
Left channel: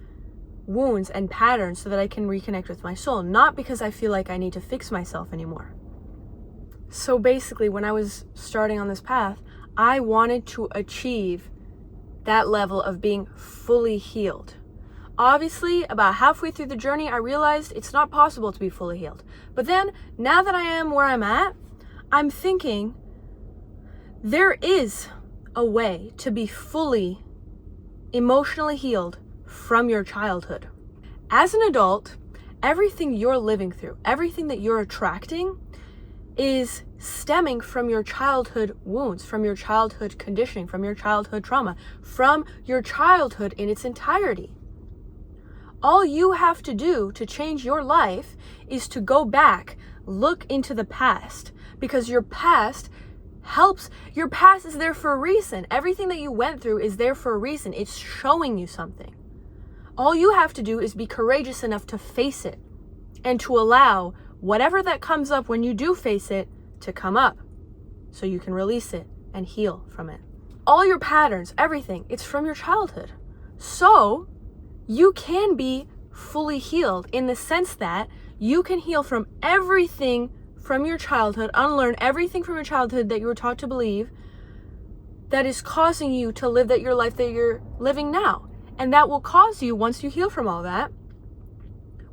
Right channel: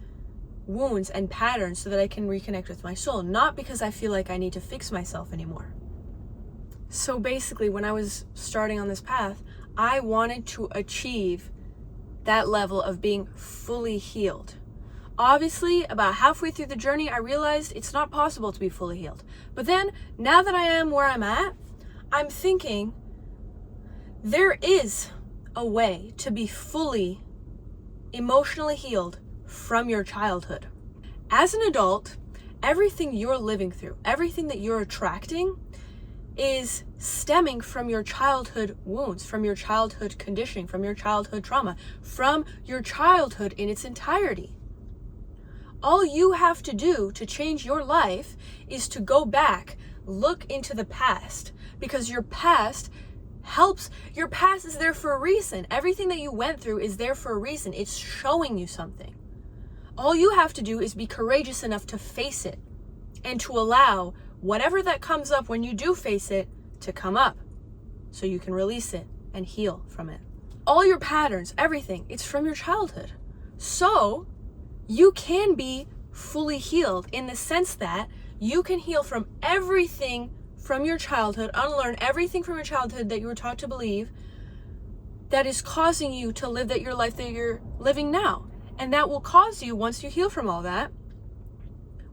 wounds and patterns so that I can reconnect with my soul, not because I feel like I need to fix myself anymore. So basically, when I was starting on this path, I wanted to achieve that level of being fully healed. Obviously, about halfway through the journey, I realized it's not possible to be fully healed. But then, now that I am where I'm at, I'm thinking there is a way to be fully emotionally healed from your childhood. As an adult, everything you're living through, everything that you're attracting is stemming from your childhood wounds, from your childhood conditioning, from your childhood trauma, from your childhood in its entirety. All you have to do to change your life is to go back, look into the past, because your past is there for a reason. Everything that you went through is there for a reason. It's showing you something. All you have to do is be courageous enough to face it and to allow whatever that comes up when you do face it to come up so you can release it and heal from it. All your patterns, everything, it's from your childhood. So you can be fully healed in the sense that you can heal from everything from your childhood, unlearn everything from your childhood that you were taught to believe that is causing you to live your life that you're living now. And that will cause you, once you heal from all that,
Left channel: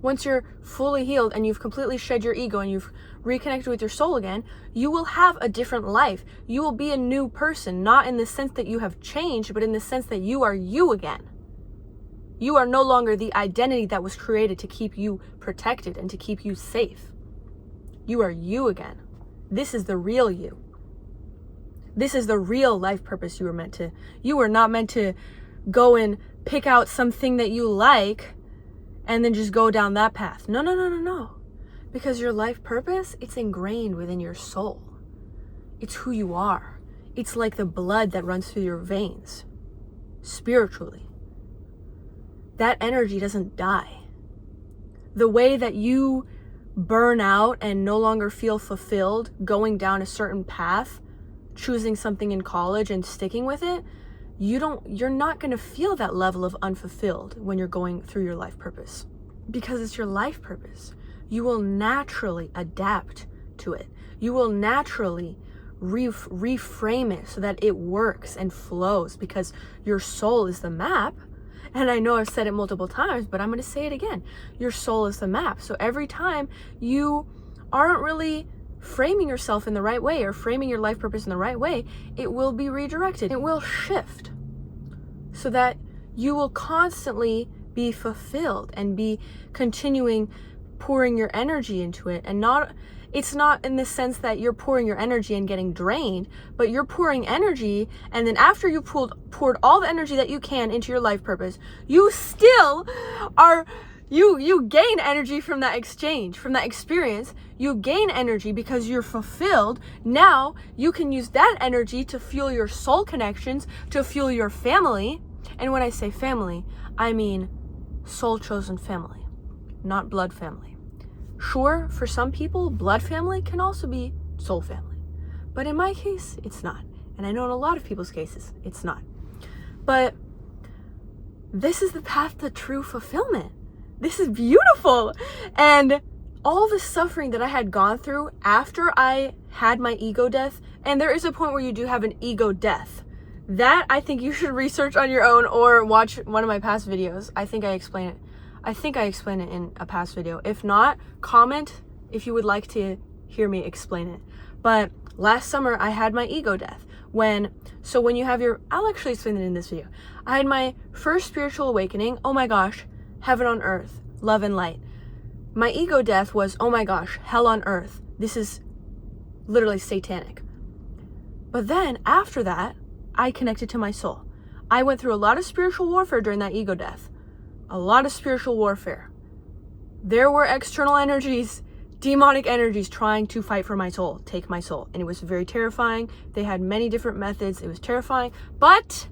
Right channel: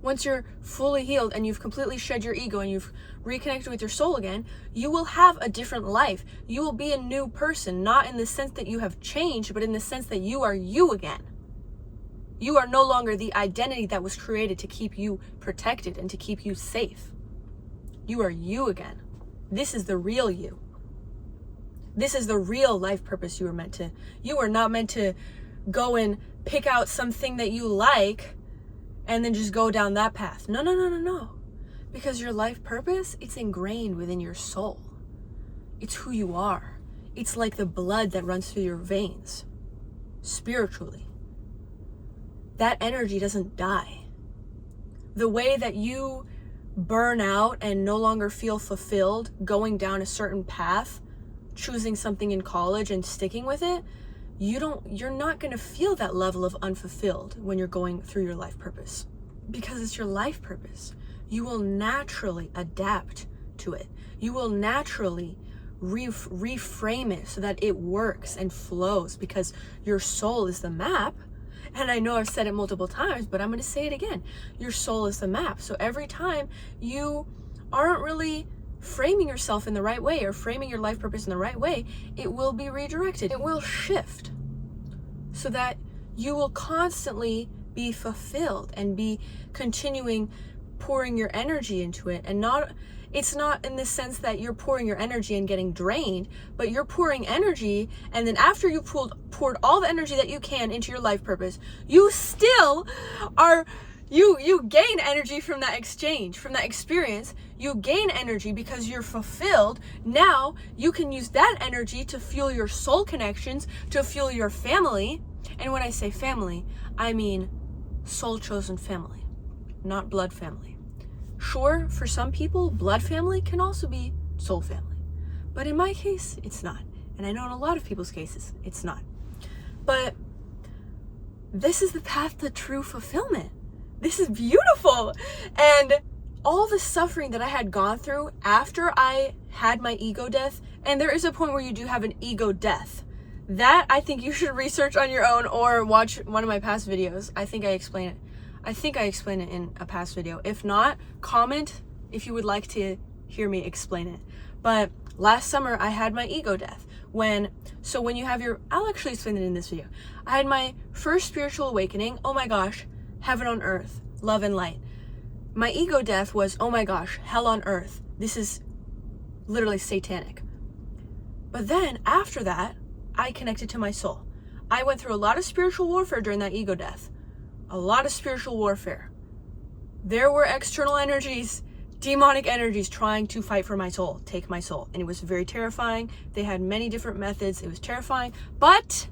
once you're fully healed and you've completely shed your ego and you've reconnected with your soul again, you will have a different life. You will be a new person, not in the sense that you have changed, but in the sense that you are you again. You are no longer the identity that was created to keep you protected and to keep you safe. You are you again. This is the real you. This is the real life purpose you were not meant to go and pick out something that you like and then just go down that path. No. Because your life purpose, it's ingrained within your soul. It's who you are. It's like the blood that runs through your veins, spiritually. That energy doesn't die. The way that you burn out and no longer feel fulfilled going down a certain path, choosing something in college and sticking with it, you're not going to feel that level of unfulfilled when you're going through your life purpose, because it's your life purpose. You will naturally adapt to it. You will naturally reframe it so that it works and flows, because your soul is the map. And I know I've said it multiple times, but I'm going to say it again. Your soul is the map. So every time you aren't really framing yourself in the right way or framing your life purpose in the right way, it will be redirected. It will shift so that you will constantly be fulfilled and be continuing pouring your energy into it, and it's not in the sense that you're pouring your energy and getting drained, but you're pouring energy, and then after you poured all the energy that you can into your life purpose, you still are, you gain energy from that exchange, from that experience. You gain energy because you're fulfilled. Now you can use that energy to fuel your soul connections, to fuel your family. And when I say family, I mean soul chosen family, not blood family. Sure, for some people, blood family can also be soul family. But in my case, it's not. And I know in a lot of people's cases, it's not. But this is the path to true fulfillment. This is beautiful. And all the suffering that I had gone through after I had my ego death, and there is a point where you do have an ego death. That I think you should research on your own or watch one of my past videos. I think I explain it in a past video. If not, comment if you would like to hear me explain it. But last summer I had my ego death. When you have I'll actually explain it in this video. I had my first spiritual awakening. Oh my gosh, heaven on earth, love and light. My ego death was, oh my gosh, hell on earth. This is literally satanic. But then after that, I connected to my soul. I went through a lot of spiritual warfare during that ego death. A lot of spiritual warfare. There were external energies, demonic energies trying to fight for my soul, take my soul. And it was very terrifying. They had many different methods. It was terrifying. But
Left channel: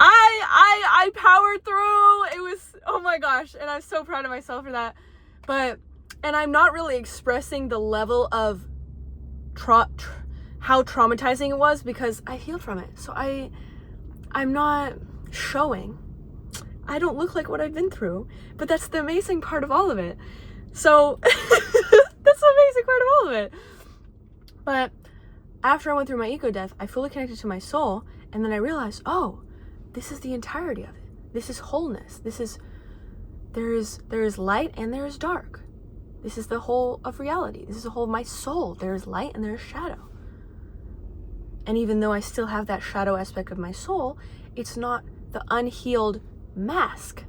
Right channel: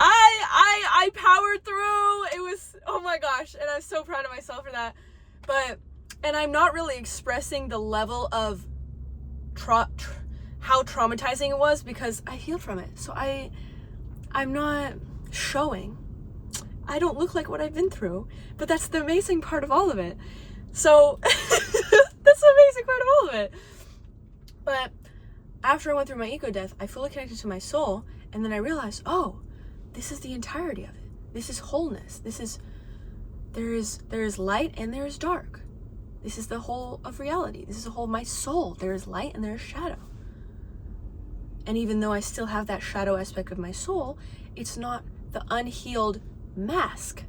I powered through. It was, oh my gosh. And I'm so proud of myself for that. And I'm not really expressing the level of how traumatizing it was because I healed from it. So I'm not showing. I don't look like what I've been through, but that's the amazing part of all of it. So that's the amazing part of all of it. But after I went through my ego death, I fully connected to my soul, and then I realized, oh, this is the entirety of it. This is wholeness. There is light and there is dark. This is the whole of reality. This is the whole of my soul. There is light and there is shadow. And even though I still have that shadow aspect of my soul, it's not the unhealed mask.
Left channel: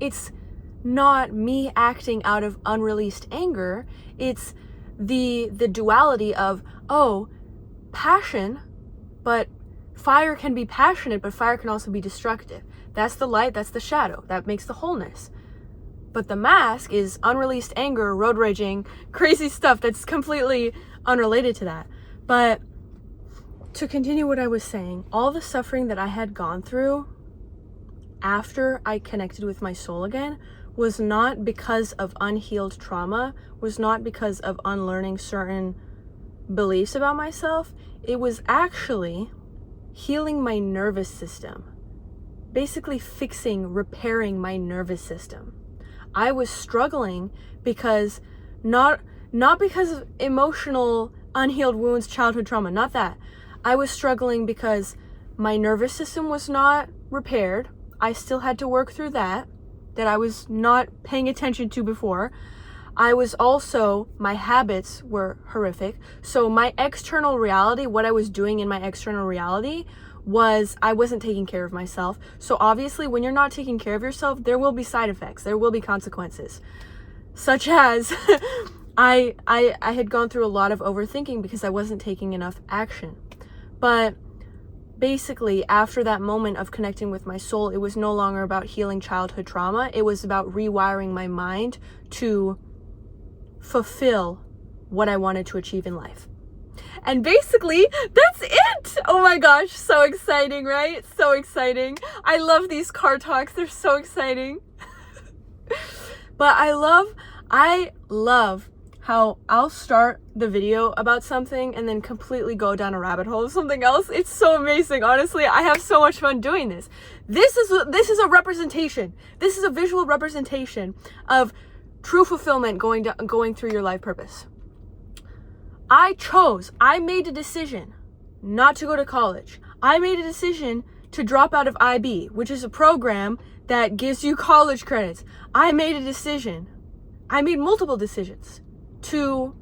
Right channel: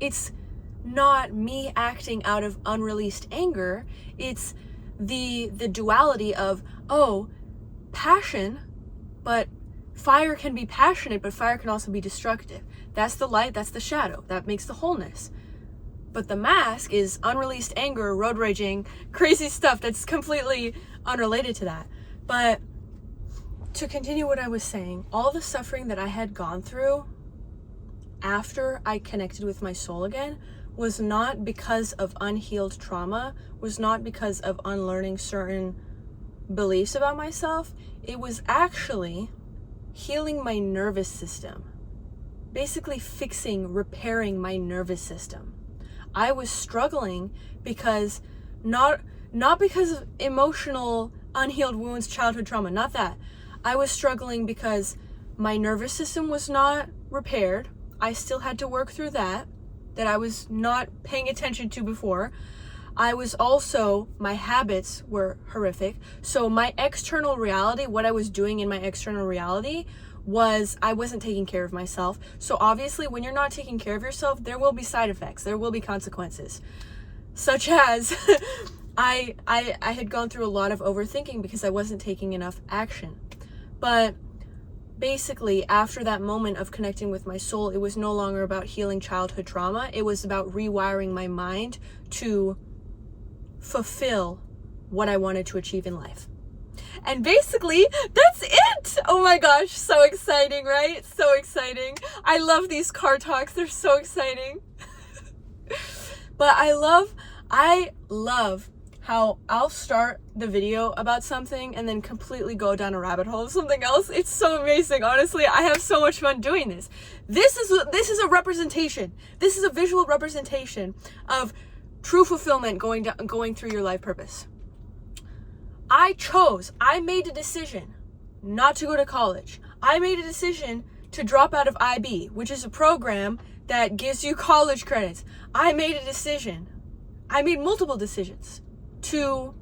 It's not me acting out of unreleased anger. It's the duality of, oh, passion, but fire can be passionate, but fire can also be destructive. That's the light, that's the shadow. That makes the wholeness. But the mask is unreleased anger, road raging, crazy stuff that's completely unrelated to that. But to continue what I was saying, all the suffering that I had gone through after I connected with my soul again was not because of unhealed trauma, was not because of unlearning certain beliefs about myself. It was actually healing my nervous system, basically repairing my nervous system. I was struggling because not because of emotional unhealed wounds, childhood trauma, not that. I was struggling because my nervous system was not repaired. I still had to work through that I was not paying attention to before. I was also, my habits were horrific. So my external reality, what I was doing in my external reality was I wasn't taking care of myself. So obviously when you're not taking care of yourself, there will be side effects. There will be consequences. Such as I had gone through a lot of overthinking because I wasn't taking enough action. But basically, after that moment of connecting with my soul, it was no longer about healing childhood trauma. It was about rewiring my mind to fulfill what I wanted to achieve in life. And basically, that's it! Oh my gosh, so exciting, right? So exciting. I love these car talks. They're so exciting. But I love how I'll start the video about something and then completely go down a rabbit hole of something else. It's so amazing. Honestly, I have so much fun doing this. This is a representation. This is a visual representation of true fulfillment going through your life purpose. I made a decision not to go to college. I made a decision to drop out of IB, which is a program that gives you college credits. I made multiple decisions to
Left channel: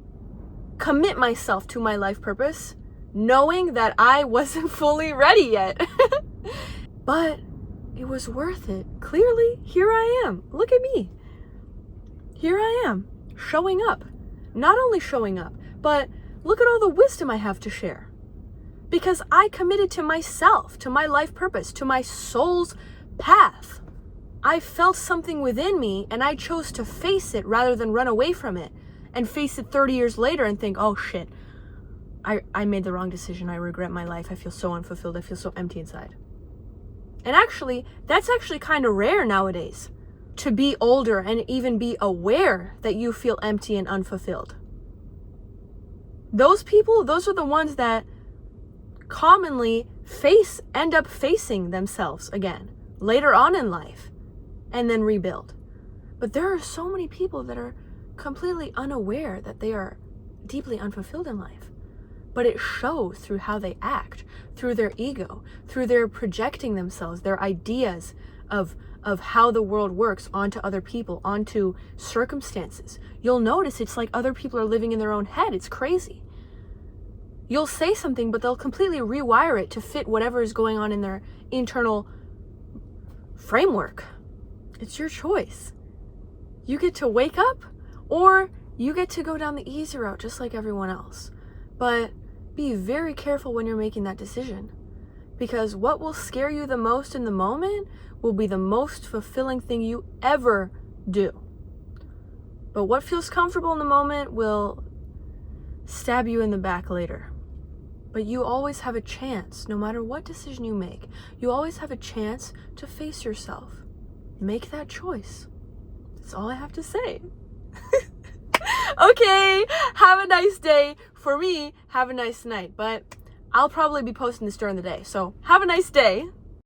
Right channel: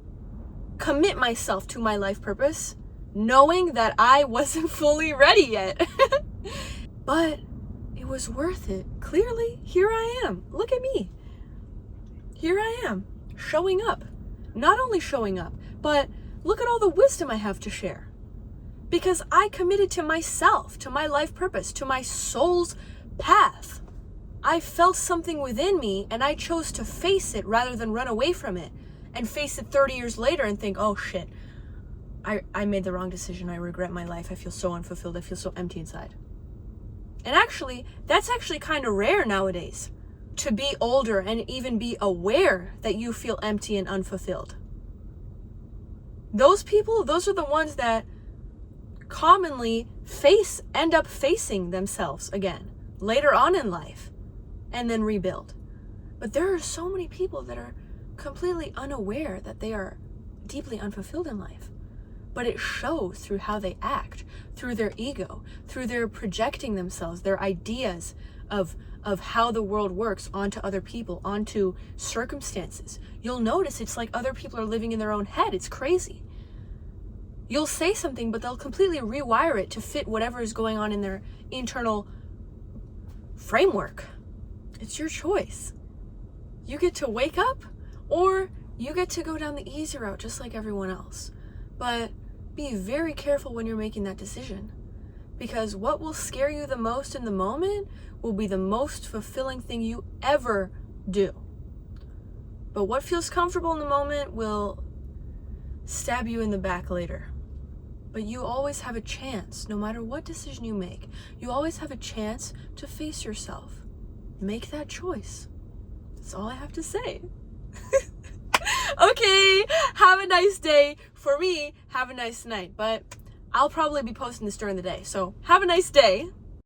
commit myself to my life purpose, knowing that I wasn't fully ready yet. But it was worth it. Clearly, here I am. Look at me. here I am, showing up. Not only showing up, but look at all the wisdom I have to share. Because I committed to myself, to my life purpose, to my soul's path. I felt something within me and I chose to face it rather than run away from it and face it 30 years later and think, oh shit, I made the wrong decision. I regret my life. I feel so unfulfilled. I feel so empty inside. And actually, that's actually kind of rare nowadays, to be older and even be aware that you feel empty and unfulfilled. Those people, those are the ones that commonly end up facing themselves again later on in life and then rebuild. But there are so many people that are completely unaware that they are deeply unfulfilled in life. But it shows through how they act, through their ego, through their projecting themselves, their ideas of how the world works onto other people, onto circumstances. You'll notice it's like other people are living in their own head. It's crazy. You'll say something, but they'll completely rewire it to fit whatever is going on in their internal framework. It's your choice. You get to wake up, or you get to go down the easy route just like everyone else. But be very careful when you're making that decision, because what will scare you the most in the moment will be the most fulfilling thing you ever do. But what feels comfortable in the moment will stab you in the back later. But you always have a chance, no matter what decision you make, you always have a chance to face yourself. Make that choice. That's all I have to say. Okay, have a nice day. For me, have a nice night. But I'll probably be posting this during the day. So have a nice day.